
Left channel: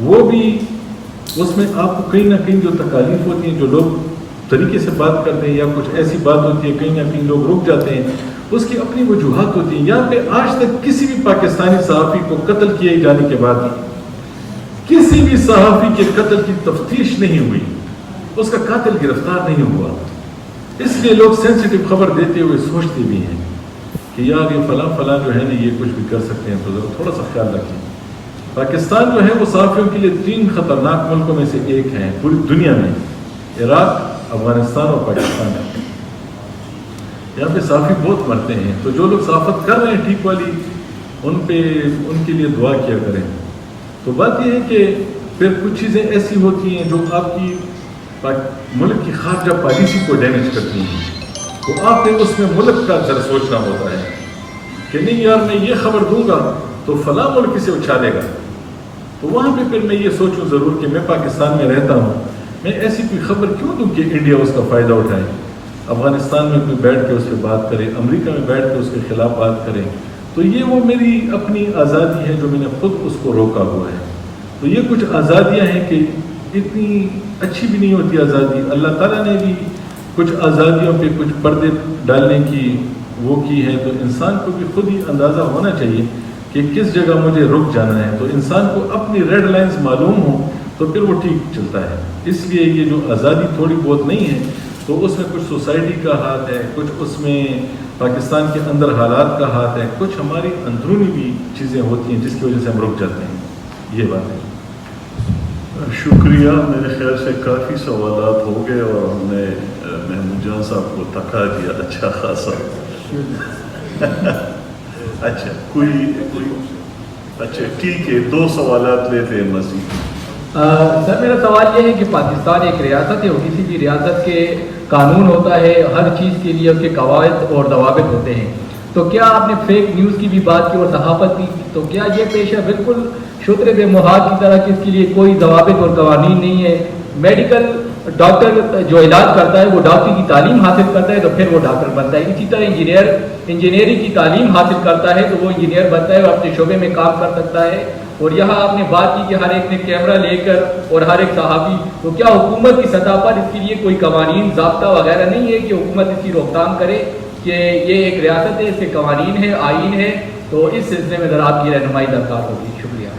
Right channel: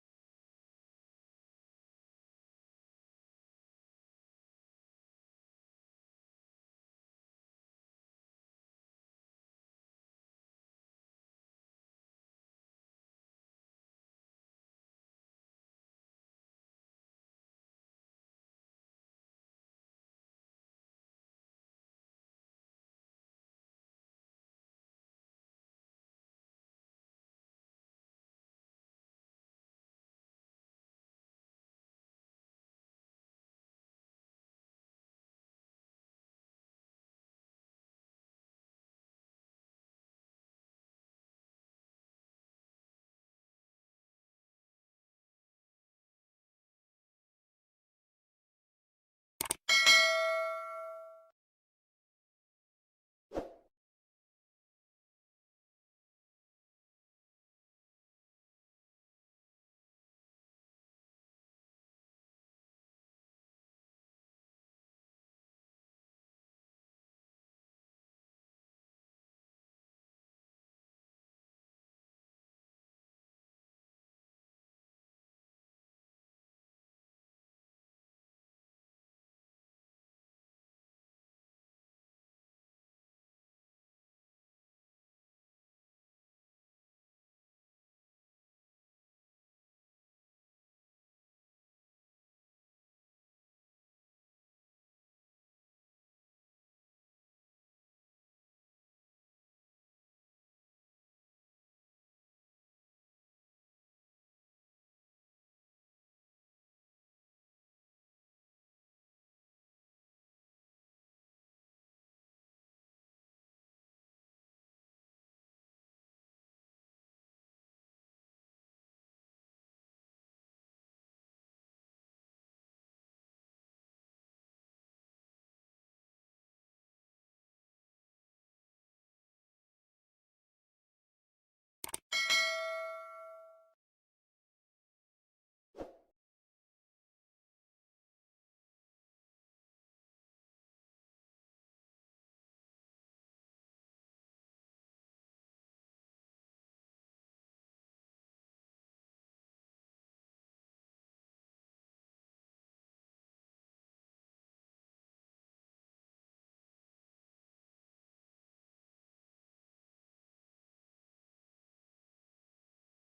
وہ بھی اس میں آپ کو کہیں نہ کہیں جو تکالیف ہوتی ہیں، جو لوگ طریقے سے بات کرتے ہیں یا کچھ ایسی بات ہوتی ہے کہیں نہ کہیں لوگ رک جاتے ہیں، اس کی اپنی وجوہات ہوتی ہیں. یہاں پہ آج تک کسی بھی پاکستانی صحافی کو قتل کیے جانے کے بعد کسی بھی صحافی کے قتل کی تفتیش نہیں ہوئی، اس کا قاتل گرفتار نہیں ہوا. اس لیے لوگ سینسیٹیو خبر دیتے ہوئے سوچتے بھی ہیں کہ یار یہ فلاں جو ہے نا یہ کچھ بھی کر سکتے ہیں، تو ذرا تھوڑا سا خیال رکھیں. پاکستان جو ہے وہ صحافیوں کے لیے 3 خطرناک ملکوں میں سے ایک ہے پوری دنیا میں، عراق، افغانستان اور پاکستان ہے. یہاں پہ صحافی بہت مرتے ہیں. تو جو لوگ صحافت کر رہے ہیں ٹھیک والی، ان کے لیے دعا کیا کریں. تو بات یہ ہے کہ پھر کچھ چیزیں ایسی ہوتی ہیں جو آپ کی ملک کی خارجہ پالیسی کو ڈیمیج کرتی ہیں. تو آپ نے اس میں ملک کا ذرا سوچنا ہوتا ہے کہ نہیں یار میں یہ خبر دوں گا تو فلاں ملک اسے اچھالے گا. تو وہاں پہ پھر میں یہ سوچوں ضرور کہ میں پاکستان میں رہتا ہوں، میں ایسی کوئی خبر کیوں دوں کہ انڈیا اس کا فائدہ اٹھائے. افغانستان میں کوئی بیٹھ کے اس پہ بات کرے، امریکہ میں بیٹھ کے اس کے خلاف بات کرے. تو یہ وہ میری اپنی آزادی ہے جو میں نے خود اس کو روکا ہوا ہے. تو یہ کچھ آزادیاں ہیں کہ اتنی اچھی بھی نہیں ہوتی آزادی. اللہ تعالیٰ نے بھی کچھ آزادیوں پہ کچھ پردے ڈالنے کی وہ کی ہے. تو انسان کو بھی خود ہی اندازہ ہونا چاہیے کہ کس جگہ مجھے رک جانا ہے. تو انسان کو اپنی ریڈ لائنز معلوم ہو تو پھر وہ ٹھیک چلتا ہے. اس لیے یہ جو آزادی تھوڑی بہت نہیں ہے تو اس میں کچھ سوسائٹی کا ہاتھ ہے، کچھ اس میں پاکستان کے اندر حالات کا ہاتھ ہے، کچھ ہماری اندرونی بھی چیزیں ہوتی ہیں جس کی وجہ سے ہم رک جاتے ہیں. یہ بات ہے. شکریہ. میرے خیال سے کافی سوالات ہو گئے اور ہم نے محمود جان صاحب کو تھکا دیا اچھا خاصا. اچھا کوئی اچھا ٹھیک ہے، 2 سوالات لیتے ہیں مزید. سر میرا سوال یہ ہے کہ پاکستان ایک ریاست ہے اور کسی بھی ریاست کے قانون ہوتا ہے، ہر چیز کے لیے اس کے قواعد اور ضوابط ہوتے ہیں. تو کیا آپ نے فیک نیوز کی بھی بات کی اور صحافت کی، تو کیا یہ پیشہ بالکل شتر بے محاذ کی طرح کہ اس کے لیے کوئی ضوابط اور قوانین نہیں ہے؟ میڈیکل ڈاکٹر جو علاج کرتا ہے وہ ڈاکٹری کی تعلیم حاصل کرتا ہے تو پھر وہ ڈاکٹر بنتا ہے. اسی طرح انجینئرنگ کی تعلیم حاصل کرتا ہے تو وہ انجینئر بنتا ہے اور اپنے شعبے میں کام کر سکتا ہے. اور یہاں آپ نے بات کی کہ ہر ایک نے کیمرہ لے کر اور ہر ایک صحافی, تو کیا حکومت کی سطح پر اس کے لیے کوئی قوانین ضابطہ وغیرہ نہیں ہے کہ حکومت اس کی روک تھام کرے کہ یہ ایک ریاست ہے, اس کے قوانین ہے, آئین ہے, تو اس سلسلے میں ذرا آپ کی رہنمائی درکار ہوگی. شکریہ.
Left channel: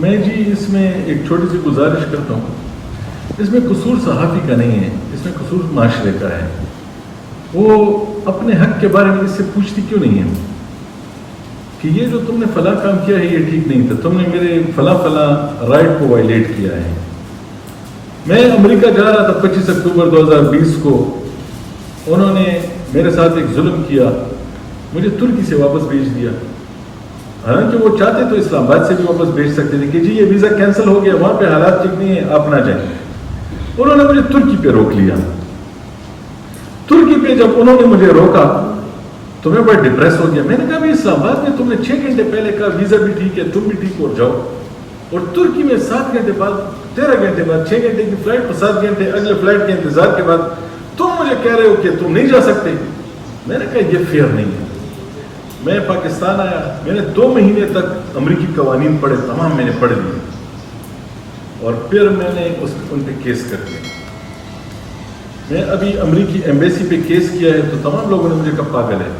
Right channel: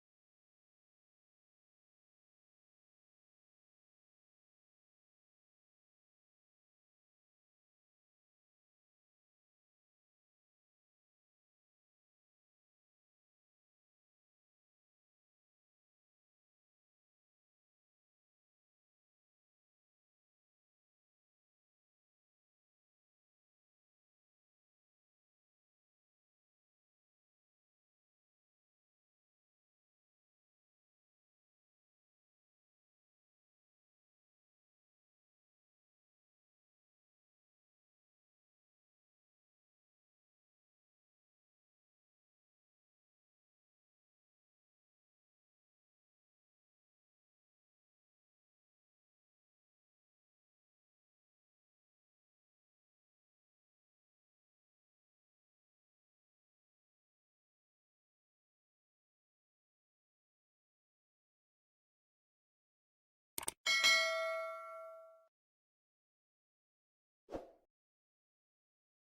میں جی اس میں ایک چھوٹی سی گزارش کرتا ہوں. اس میں قصور صحافی کا نہیں ہے, اس میں قصور معاشرے کا ہے. وہ اپنے حق کے بارے میں اس سے پوچھتی کیوں نہیں ہے کہ یہ جو تم نے فلاں کام کیا ہے یہ ٹھیک نہیں تھا, تم نے میرے فلاں رائٹ کو وائلیٹ کیا ہے. میں امریکہ جا رہا تھا 25 اکتوبر 2020 کو, انہوں نے میرے ساتھ ایک ظلم کیا, مجھے ترکی سے واپس بھیج دیا. حالانکہ وہ چاہتے تو اسلام آباد سے بھی واپس بھیج سکتے تھے کہ جی یہ ویزا کینسل ہو گیا, وہاں پہ حالات ٹھیک نہیں ہیں, آپ نہ جائیں. انہوں نے مجھے ترکی پہ روک لیا. ترکی پہ جب انہوں نے مجھے روکا تو میں بڑا ڈپریس ہو گیا. میں نے کہا بھی اسلام آباد میں تم نے 6 گھنٹے پہلے کہا ویزا بھی ٹھیک ہے, تم بھی ٹھیک ہو جاؤ, اور ترکی میں 7 گھنٹے بعد 13 گھنٹے بعد 6 گھنٹے کی فلائٹ پر 7 گھنٹے اگلے فلائٹ کے انتظار کے بعد تم مجھے کہہ رہے ہو کہ تم نہیں جا سکتے. میں نے کہا یہ فیئر نہیں ہے. میں پاکستان آیا, میں نے 2 مہینے تک امریکی قوانین پڑھے, تمام میں نے پڑھ لیے, اور پھر میں نے ان پہ کیس کر دیا. میں ابھی امریکی ایمبیسی پہ کیس کیا ہے تو تمام لوگوں نے مجھے کہا پاگل ہے,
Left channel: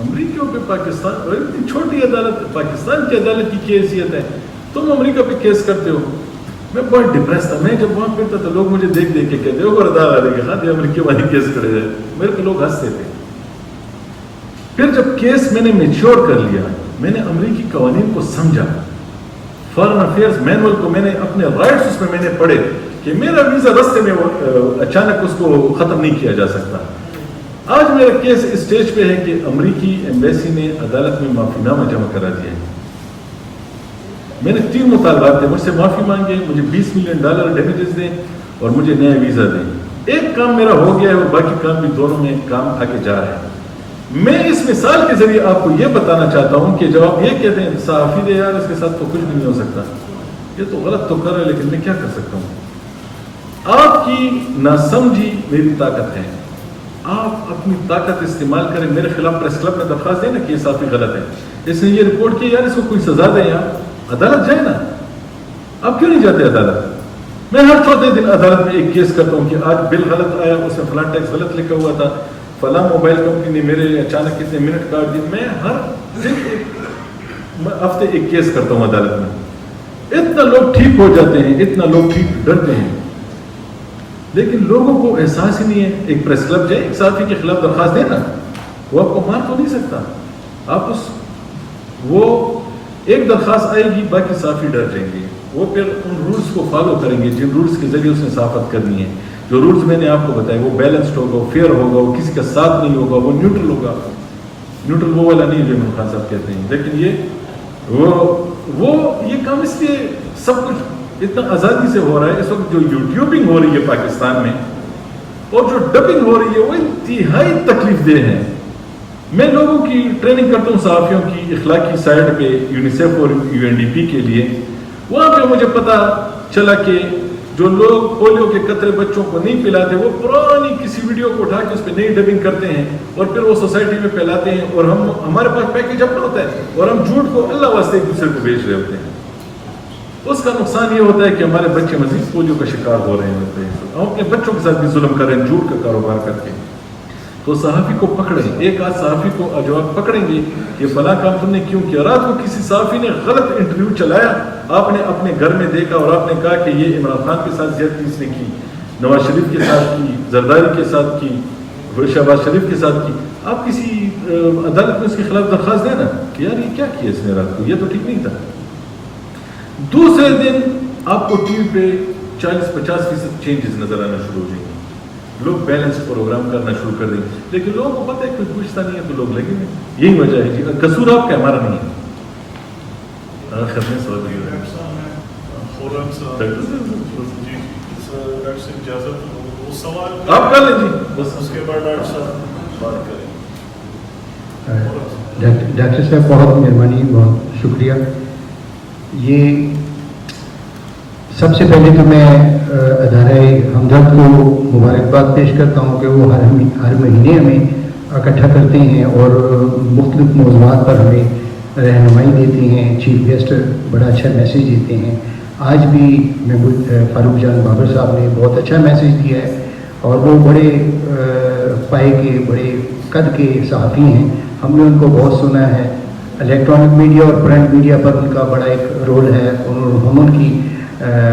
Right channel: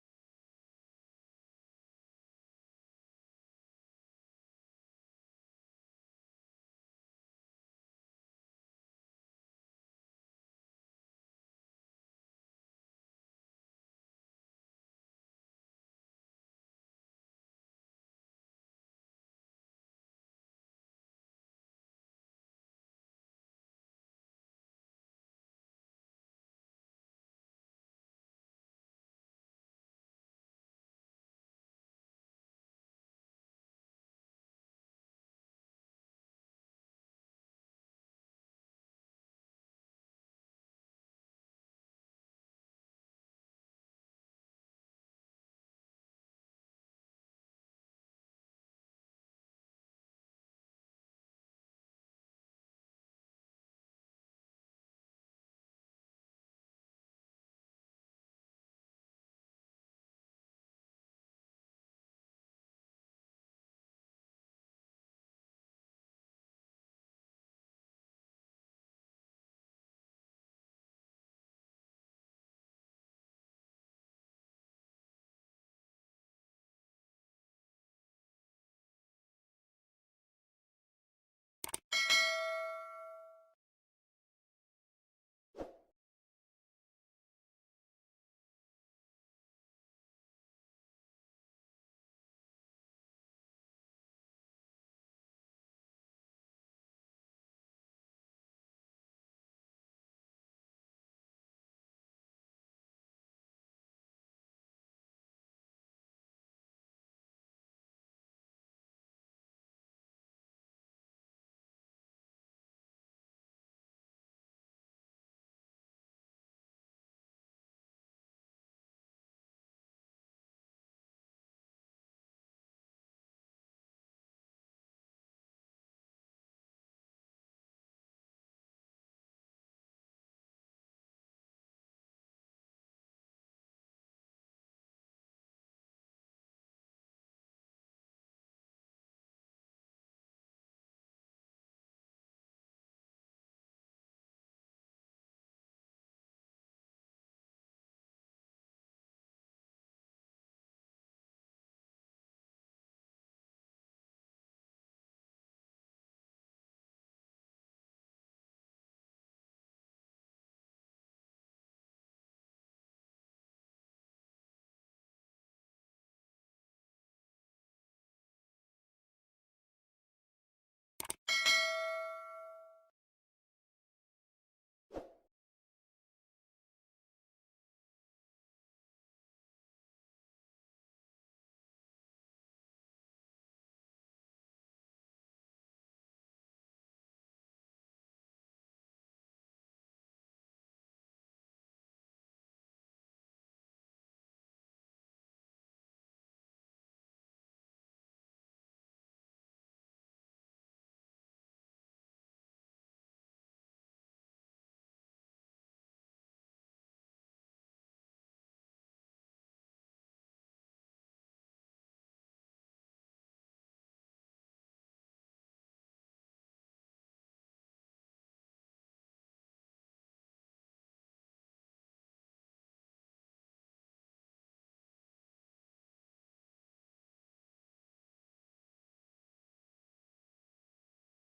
امریکیوں پہ پاکستان, اور اتنی چھوٹی عدالت, پاکستان کی عدالت کی کیا حیثیت ہے, تم امریکہ پہ کیس کرتے ہو. میں بہت ڈپریس تھا. میں جب وہاں پھرتا تو لوگ مجھے دیکھ کے کہتے ہو بردار آ رہے کہ ہاں یہ امریکی والے کیس کرے جائے. میرے کو لوگ ہنستے تھے. پھر جب کیس میں نے میچور کر لیا, میں نے امریکی قوانین کو سمجھا, فارن افیئرز مینول کو میں نے اپنے رائٹس اس میں میں نے پڑھے کہ میرا ویزا رستے میں اچانک اس کو ختم نہیں کیا جا سکتا. آج میرا کیس اسٹیج پہ ہے کہ امریکی ایمبیسی نے عدالت میں معافی نامہ جمع کرا دیا ہے. میں نے 3 مطالبات تھے, مجھ سے معافی مانگے, مجھے $20 ملین ڈیمیجز دیں اور مجھے نیا ویزا دیں. ایک کام میرا ہو گیا ہے اور باقی کام بھی دونوں میں کام آگے جا رہے ہیں. میں اس مثال کے ذریعے آپ کو یہ بتانا چاہتا ہوں کہ جب آپ یہ کہتے ہیں صحافی دے یار اس کے ساتھ تو کچھ بھی نہیں ہو سکتا, یہ تو غلط تو کر رہا ہے, لیکن میں کیا کر سکتا ہوں. آپ کی ناسمجھی میری طاقت ہے. آپ اپنی طاقت استعمال کریں, میرے خلاف پریس کلب میں درخواست دیں نا کہ یہ صحافی غلط ہے, اس نے یہ رپورٹ کی, یار اس کو کوئی سزا دیں, یار عدالت جائے نا. آپ کیوں نہیں جاتے عدالت؟ میں ہر 4 دن عدالت میں ایک کیس کرتا ہوں کہ آج بل غلط آیا, اس میں فلاں ٹیکس غلط لکھا ہوا تھا, فلاں موبائل کمپنی نے میرے اچانک کتنے منٹ کاٹ دیے. میں ہر دن ہفتے ایک کیس کرتا ہوں عدالت میں. اتنا لوگ ٹھیک ہو جاتے ہیں, اتنا لوگ ٹھیک ڈرتے ہیں, لیکن لوگوں کو احساس ہی نہیں ہے. ایک پریس کلب جائے, ایک صحافی کے خلاف درخواست دے نا, وہ آپ کو مار تو نہیں سکتا. آپ وہ ایک درخواست آئے گی, باقی صحافی ڈر جائیں گے. وہ پھر ان رولز کو فالو کریں گے جن رولز کے ذریعے اس نے صحافت کرنی ہے. جو رولز میں نے آپ کو بتائے وہ بیلنسڈ ہوگا, وہ فیئر ہوگا, وہ کسی کا ساتھ نہیں ہوگا, وہ نیوٹرل ہوگا. نیوٹرل وہ والا نہیں جو عمران خان صاحب کہتے ہیں, لیکن یہ کام اس لیے سب کچھ اتنا آزادی سے ہو رہا ہے. اس وقت جو یوٹیوبنگ ہو رہی ہے پاکستان میں اور جو ڈبنگ ہو رہی ہے وہ انتہائی تکلیف دہ ہے. میں لوگوں کی ٹریننگ کرتا ہوں صحافیوں کی اخلاقی سائٹ پہ یونیسیف اور UNDP کے لیے. وہاں پہ مجھے پتا چلا کہ جو لوگ پولیو کے قطرے بچوں کو نہیں پلاتے وہ پرانی کسی ویڈیو کو اٹھا کے اس پہ نئی ڈبنگ کرتے ہیں اور پھر وہ سوسائٹی میں پھیلاتے ہیں, اور ہمارے پاس پیکیج اپنا ہوتا ہے اور ہم جھوٹ کو اللہ واسطے ایک دوسرے کو بیچ رہے ہوتے ہیں. اس کا نقصان یہ ہوتا ہے کہ ہمارے بچے مزید پولیو کا شکار ہو رہے ہوتے ہیں. ہم اپنے بچوں کے ساتھ بھی ظلم کر رہے ہیں جھوٹ کا کاروبار کر کے. تو صحافی کو پکڑیں, ایک آدھ صحافی کو جو آپ پکڑیں گے کہ فلاں کام تم نے کیوں کیا. رات کو کسی صحافی نے غلط انٹرویو چلایا, آپ نے اپنے گھر میں دیکھا اور آپ نے کہا کہ یہ عمران خان کے ساتھ زیادتی اس نے کی, نواز شریف کے ساتھ کی, زرداری کے ساتھ کی, شہباز شریف کے ساتھ کی. آپ کسی عدالت میں اس کے خلاف درخواست دیں نا کہ یار یہ کیا کیا اس نے رات کو, یہ تو ٹھیک نہیں تھا. دوسرے دن آپ کو ٹی وی پہ 40-50% چینجز نظر آنا شروع ہو جائیں گے. لوگ بیلنس پروگرام کرنا شروع کر دیں گے, لیکن لوگوں کو پتہ ہے کوئی پوچھتا نہیں ہے تو لوگ لگیں گے. یہی وجہ ہے جی, قصور آپ کا ہمارا نہیں ہے. آپ کر لیں جی, بس اس کے بعد ڈاکٹر صاحب بات کریں. ڈاکٹر صاحب بہت مہربانی, بہت شکریہ. یہ سب سے پہلے تو میں ادارہ ہمدرد کو مبارکباد پیش کرتا ہوں کہ وہ ہر مہینے ہمیں اکٹھا کرتے ہیں اور مختلف موضوعات پر ہمیں رہنمائی دیتے ہیں. چیف گیسٹ بڑا اچھا میسیج دیتے ہیں. آج بھی فاروق جان بابر صاحب نے بہت اچھا میسیج دیا ہے اور وہ بڑے پائے کے بڑے قد کے صحافی ہیں. ہم نے ان کو بہت سنا ہے. الیکٹرانک میڈیا اور پرنٹ میڈیا پر ان کا بڑا ایک رول ہے. ہم ان کی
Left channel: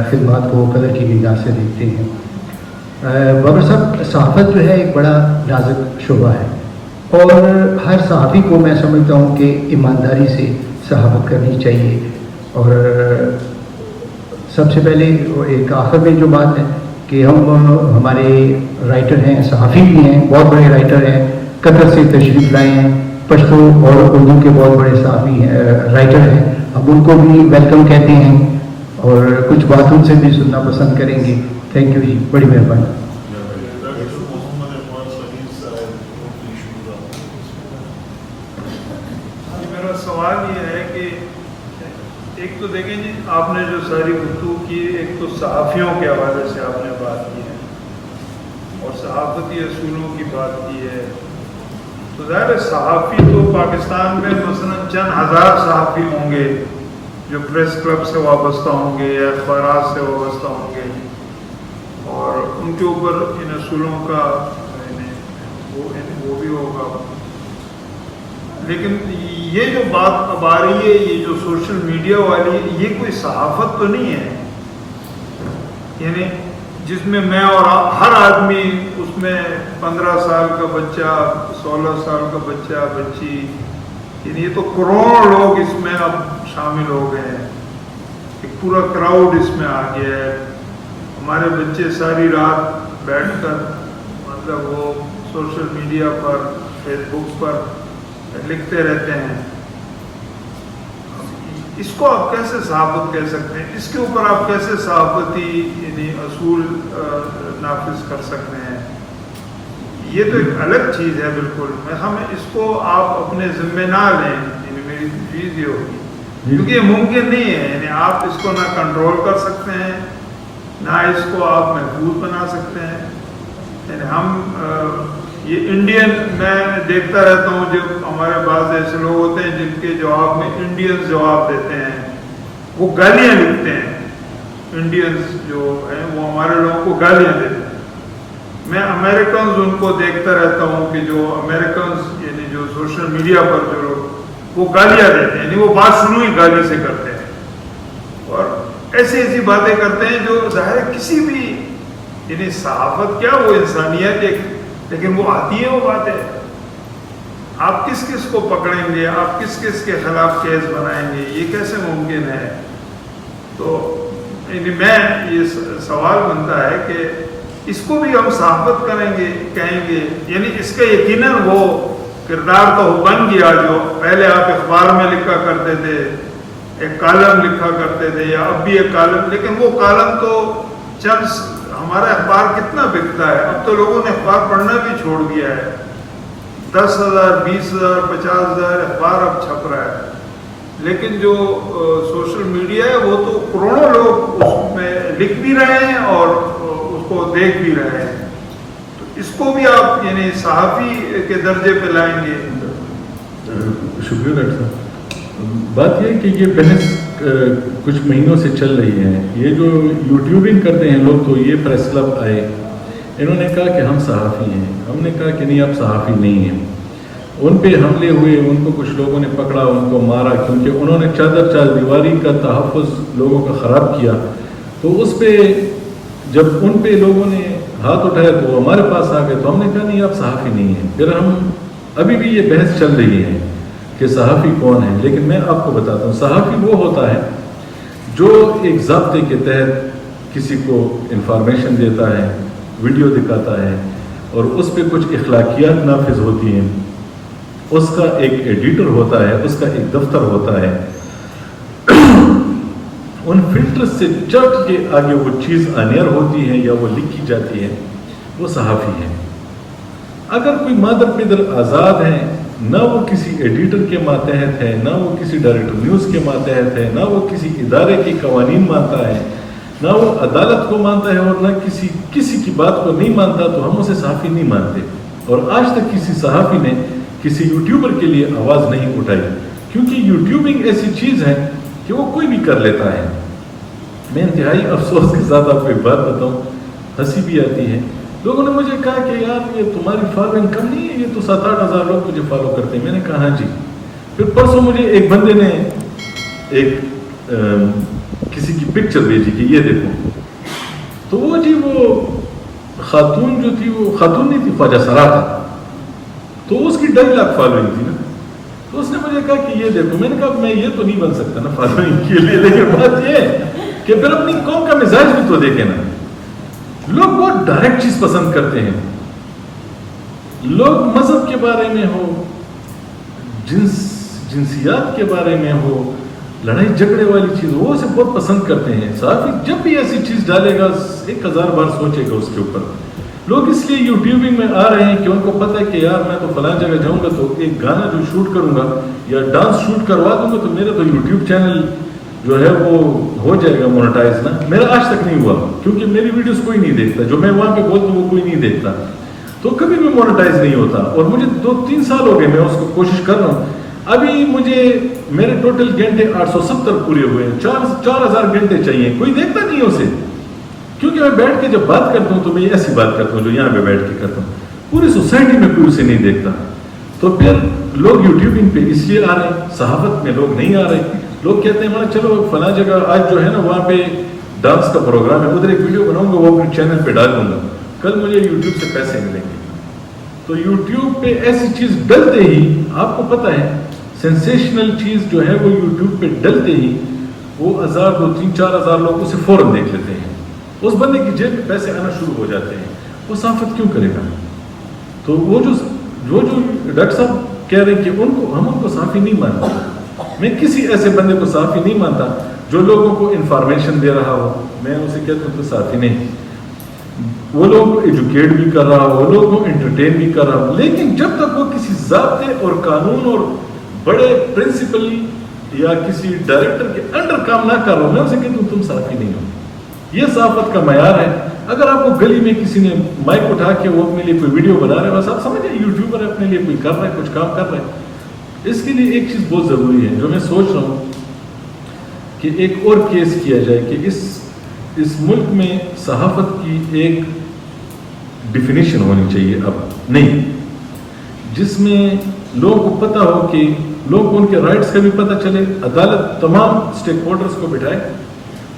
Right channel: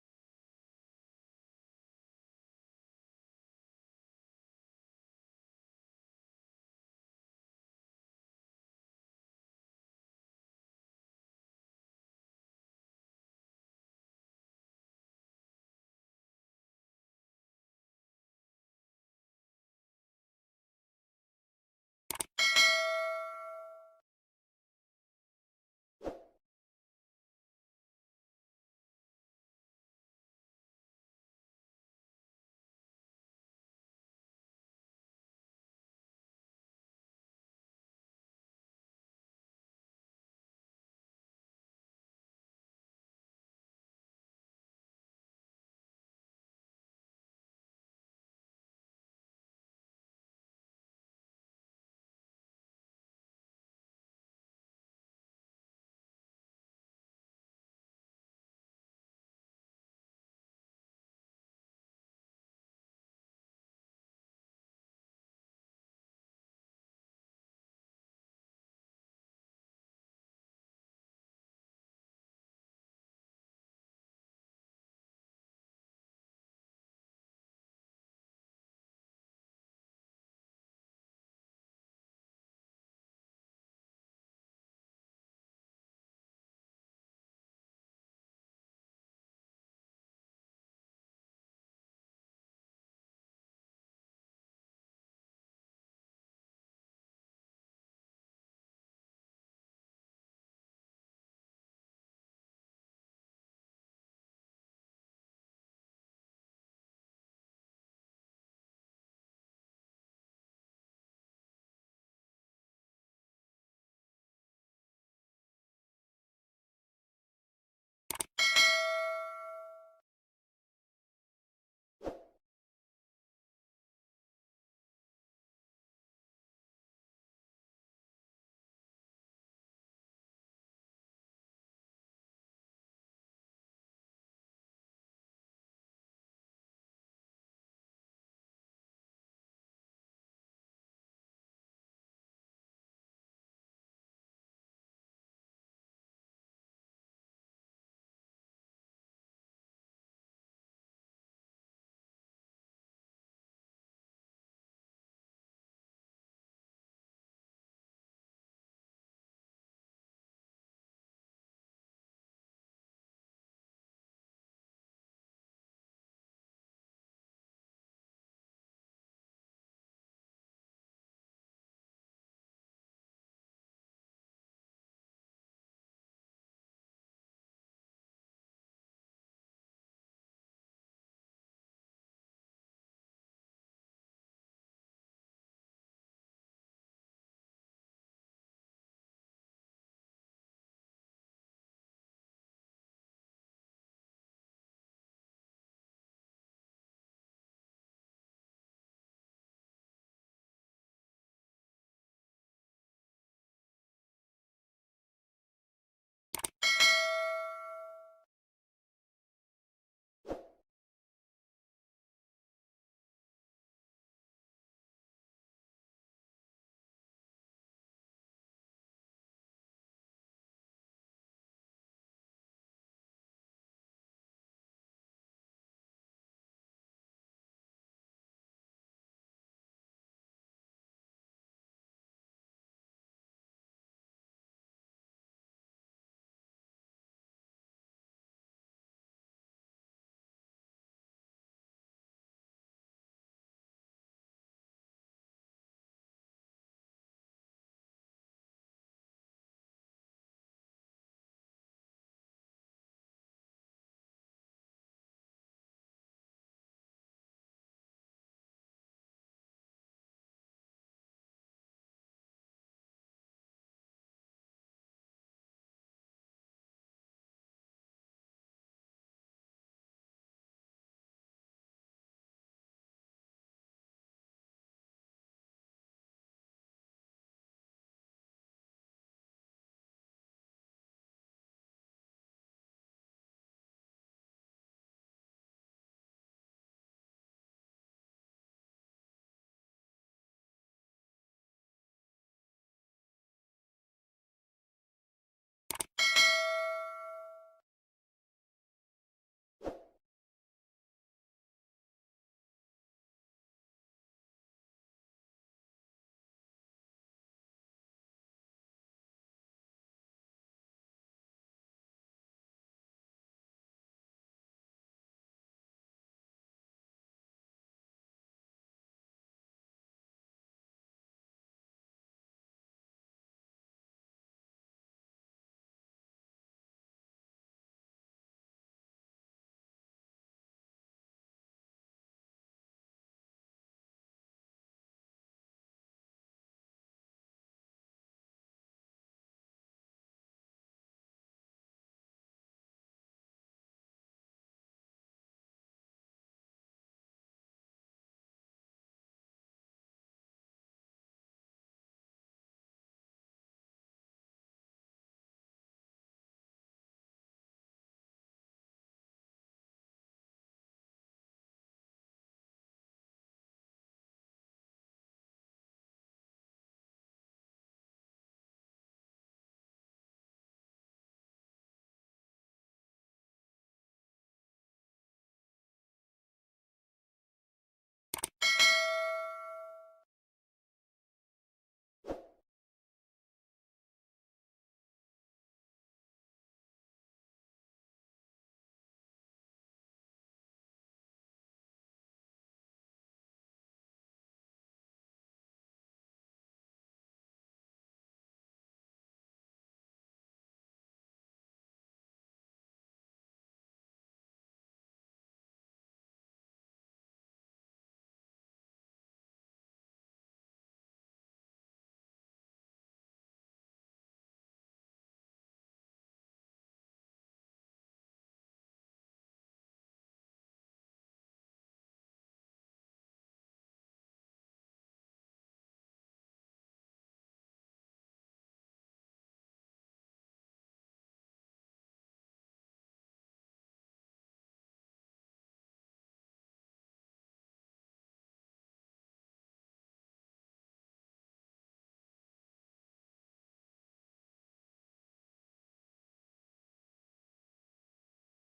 خدمات کو قدر کی نگاہ سے دیکھتے ہیں. بابر صاحب، صحافت جو ہے ایک بڑا نازک شعبہ ہے اور ہر صحافی کو میں سمجھتا ہوں کہ ایمانداری سے صحافت کرنی چاہیے. اور سب سے پہلے ایک آخر میں جو بات ہے کہ ہمارے رائٹر ہیں، صحافی بھی ہیں، بہت بڑے رائٹر ہیں، قطر سے تشریف لائے ہیں، پشتو اور اردو کے بہت بڑے صحافی ہیں، رائٹر ہیں. ہم ان کو بھی ویلکم کہتے ہیں اور کچھ بات ان سے بھی سننا پسند کریں گے. تھینک یو جی، بڑی مہربانی. میرا سوال یہ ہے کہ ایک تو دیکھیں جی، آپ نے جو ساری گفتگو کی، ایک تو صحافیوں کے حوالے سے آپ نے بات کی ہے اور صحافتی اصولوں کی بات کی ہے. تو ظاہر ہے صحافی تو پاکستان میں مثلا چند ہزار صحافی ہوں گے جو پریس کلب سے وابستہ ہوں گے یا اخبارات سے وابستہ ہوں گے اور ان کے اوپر ان اصولوں کا وہ بھی ہوگا. لیکن یہ جو بات اب آ رہی ہے، یہ جو سوشل میڈیا والی، یہ کوئی صحافت تو نہیں ہے. یعنی جس میں میں اور ہر آدمی اس میں 15 سال کا بچہ، 16 سال کا بچہ، بچی، یعنی یہ تو کروڑوں لوگ اس میں اب شامل ہو گئے ہیں. ایک پورا کراؤڈ اس میں آ گیا ہے. ہمارے بچے ساری رات بیٹھ کر مطلب وہ سوشل میڈیا پر، فیس بک پر لکھتے رہتے ہیں. اس کو آپ کیسے صحافت کہہ سکتے ہیں؟ اس کے اوپر آپ کیسے صحافتی یعنی اصول نافذ کر سکتے ہیں؟ یہ تو ایک الگ چیز ہے بالکل. ہمیں اس کو آپ اپنے ذمہ نہ لیں، یعنی میری چیز یہ ہوگی، کیونکہ یہ ممکن نہیں ہے. یعنی آپ اس کو نہ کنٹرول کر سکتے ہیں، نہ اس کو آپ محفوظ بنا سکتے ہیں. یعنی ہم یہ انڈین، میں دیکھتا رہتا ہوں جب ہمارے بعض ایسے لوگ ہوتے ہیں جن کے جواب میں انڈینز جواب دیتے ہیں، وہ گالیاں لکھتے ہیں. انڈینز جو ہیں وہ ہمارے لوگوں کو گالیاں دیتے ہیں. میں امریکنز ان کو دیکھتا رہتا ہوں کہ جو امریکنز یعنی جو سوشل میڈیا پر جو لوگ وہ گالیاں دیتے ہیں، یعنی وہ بات شروع ہی گالی سے کرتے ہیں اور ایسی ایسی باتیں کرتے ہیں جو ظاہر ہے کسی بھی، یعنی صحافت کیا، وہ انسانیت ایک، لیکن وہ آتی ہے وہ باتیں. آپ کس کس کو پکڑیں گے، آپ کس کس کے خلاف کیس بنائیں گے، یہ کیسے ممکن ہے؟ تو یعنی میں یہ سوال بنتا ہے کہ اس کو بھی ہم صحافت کریں گے، کہیں گے، یعنی اس کا یقیناً وہ کردار تو بن گیا جو پہلے آپ اخبار میں لکھا کرتے تھے، ایک کالم لکھا کرتے تھے یا اب بھی ایک کالم، لیکن وہ کالم تو چند، ہمارا اخبار کتنا بکتا ہے، اب تو لوگوں نے اخبار پڑھنا بھی چھوڑ دیا ہے. 10,000 20,000 50,000 اخبار اب چھپ رہا ہے. لیکن جو سوشل میڈیا ہے وہ تو کروڑوں لوگ اس میں لکھ بھی رہے ہیں اور اس کو دیکھ بھی رہے ہیں. تو اس کو بھی آپ یعنی صحافی کے درجے پہ لائیں گے. شکریہ ڈاکٹر صاحب. بات یہ ہے کہ یہ بحث کچھ مہینوں سے چل رہی ہے. یہ جو یوٹیوبنگ کرتے ہیں لوگ، تو یہ پریس کلب آئے، انہوں نے کہا کہ ہم صحافی ہیں. ہم نے کہا کہ نہیں، آپ صحافی نہیں ہیں. ان پہ حملے ہوئے، ان کو کچھ لوگوں نے پکڑا، ان کو مارا، کیونکہ انہوں نے چار دیواری کا تحفظ لوگوں کا خراب کیا. تو اس پہ جب ان پہ لوگوں نے ہاتھ اٹھایا تو وہ ہمارے پاس آ گئے. تو ہم نے کہا نہیں، آپ صحافی نہیں ہیں. پھر ہم ابھی بھی یہ بحث چل رہی ہے کہ صحافی کون ہے. لیکن میں آپ کو بتاتا ہوں، صحافی وہ ہوتا ہے جو ایک ضابطے کے تحت کسی کو انفارمیشن دیتا ہے، ویڈیو دکھاتا ہے اور اس پہ کچھ اخلاقیات نافذ ہوتی ہیں. اس کا ایک ایڈیٹر ہوتا ہے، اس کا ایک دفتر ہوتا ہے. ان فلٹر سے چٹ کے آگے وہ چیز آنیئر ہوتی ہے یا وہ لکھی جاتی ہے، وہ صحافی ہے. اگر کوئی مادر پیدر آزاد ہیں، نہ وہ کسی ایڈیٹر کے ماتحت ہے، نہ وہ کسی ڈائریکٹر نیوز کے ماتحت ہے، نہ وہ کسی ادارے کی قوانین مانتا ہے، نہ وہ عدالت کو مانتا ہے اور نہ کسی کی بات کو نہیں مانتا، تو ہم اسے صحافی نہیں مانتے. اور آج تک کسی صحافی نے کسی یوٹیوبر کے لیے آواز نہیں اٹھائی، کیونکہ یوٹیوبنگ ایسی چیز ہے کہ وہ کوئی بھی کر لیتا ہے. میں انتہائی افسوس کے ساتھ آپ کو ایک بات بتاؤں، ہنسی بھی آتی ہے. لوگوں نے مجھے کہا کہ یار یہ تمہاری فالوئنگ کم نہیں ہے، یہ تو 7-8 ہزار لوگ مجھے فالو کرتے ہیں. میں نے کہا ہاں جی. پھر پرسوں مجھے ایک بندے نے ایک کسی کی پکچر بھیجی کہ یہ دیکھو، تو وہ جی وہ خاتون جو تھی، وہ خاتون نہیں تھی، خواجہ سرا تھا، تو اس کی 2.5 لاکھ فالوئنگ تھی نا. تو اس نے مجھے کہا کہ یہ دیکھو. میں نے کہا میں یہ تو نہیں بن سکتا نا فالوئنگ کے لیے، لیکن بات یہ ہے کہ پھر اپنی قوم کا مزاج بھی تو دیکھیں نا. لوگ بہت ڈائریکٹ چیز پسند کرتے ہیں. لوگ مذہب کے بارے میں ہو، جنسیات کے بارے میں ہو، لڑائی جھگڑے والی چیز وہ اسے بہت پسند کرتے ہیں. صحافی جب بھی ایسی چیز ڈالے گا 1000 بار سوچے گا اس کے اوپر. لوگ اس لیے یوٹیوبنگ میں آ رہے ہیں کہ ان کو پتہ ہے کہ یار میں تو فلاں جگہ جاؤں گا تو ایک گانا جو شوٹ کروں گا یا ڈانس شوٹ کروا دوں گا تو میرا تو یوٹیوب چینل جو ہے وہ ہو جائے گا مونیٹائز نا. میرا آج تک نہیں ہوا کیونکہ میری ویڈیوز کوئی نہیں دیکھتا، جو میں وہاں پہ بولتا ہوں وہ کوئی نہیں دیکھتا، تو کبھی بھی مونیٹائز نہیں ہوتا. اور مجھے 2-3 سال ہو گئے میں اس کو کوشش کر رہا ہوں. ابھی مجھے میرے ٹوٹل گھنٹے 870 پورے ہوئے ہیں. 4000 گھنٹے چاہیے. کوئی دیکھتا نہیں اسے، کیونکہ میں بیٹھ کے جب بات کرتا ہوں تو میں ایسی بات کرتا ہوں جو یہاں پہ بیٹھ کے کرتا ہوں. پوری سوسائٹی میں کوئی اسے نہیں دیکھتا. تو پھر لوگ یوٹیوبنگ پہ اس لیے آ رہے ہیں، صحافت میں لوگ نہیں آ رہے. لوگ کہتے ہیں چلو فلاں جگہ آج جو ہے نا وہاں پہ ڈانس کا پروگرام ہے، ادھر ایک ویڈیو بناؤں گا وہ اپنے چینل پہ ڈال دوں گا، کل مجھے یوٹیوب سے پیسے ملیں گے. تو یوٹیوب پہ ایسی چیز ڈلتے ہی آپ کو پتہ ہے سینسیشنل چیز جو ہے وہ یوٹیوب پہ ڈلتے ہی وہ 1000 2 3 4 ہزار لوگ اسے فوراً دیکھ لیتے ہیں. اس بندے کی جیب میں پیسے آنا شروع ہو جاتے ہیں. وہ صحافت کیوں کرے گا؟ تو وہ جو ڈاکٹر صاحب کہہ رہے ہیں کہ ہم ان کو صحافی نہیں مانتے. میں کسی ایسے بندے کو صحافی نہیں مانتا جو لوگوں کو انفارمیشن دے رہا ہو. میں اسے کہتا ہوں تو صحافی نہیں. وہ لوگوں کو ایجوکیٹ بھی کر رہا ہو، وہ لوگوں کو انٹرٹین بھی کر رہا ہو، لیکن جب تک وہ کسی ضابطے اور قانون اور بڑے پرنسپل یا کسی ڈائریکٹر کے انڈر کام نہ کر رہا ہو، میں اسے کہتا ہوں تم صحافی نہیں ہو. یہ صحافت کا معیار ہے. اگر آپ کو گلی میں کسی نے مائک اٹھا کے وہ اپنے لیے کوئی ویڈیو بنا رہے ہیں، بس آپ سمجھیں یوٹیوبر ہے، اپنے لیے کوئی کر رہا ہے، کچھ کام کر رہا ہے. اس کے لیے ایک چیز بہت ضروری ہے جو میں سوچ رہا ہوں کہ ایک اور کیس کیا جائے کہ اس ملک میں صحافت کی ایک ڈیفینیشن ہونی چاہیے اب نہیں، جس میں لوگوں کو پتہ ہو کہ لوگوں کو ان کے رائٹس کا بھی پتہ چلے. عدالت تمام اسٹیک ہولڈرز کو بٹھائے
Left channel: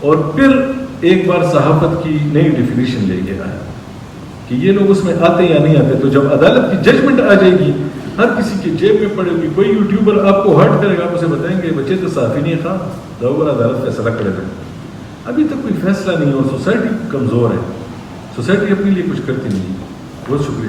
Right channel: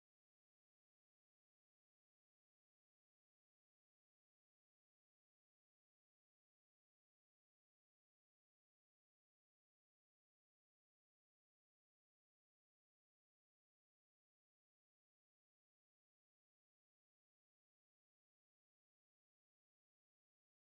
اور پھر ایک بار صحافت کی نئی ڈیفینیشن لے کے آئے کہ یہ لوگ اس میں آتے یا نہیں آتے. تو جب عدالت کی ججمنٹ آ جائے گی ہر کسی کی جیب میں پڑے گی. کوئی یوٹیوبر آپ کو ہرٹ کرے گا، آپ اسے بتائیں گے بچے تو صحافی نہیں خواہ ضرور عدالت فیصلہ کرے گا. ابھی تک کوئی فیصلہ نہیں ہے اور سوسائٹی کمزور ہے. سوسائٹی اپنے لیے کچھ کرتی نہیں. بہت شکریہ.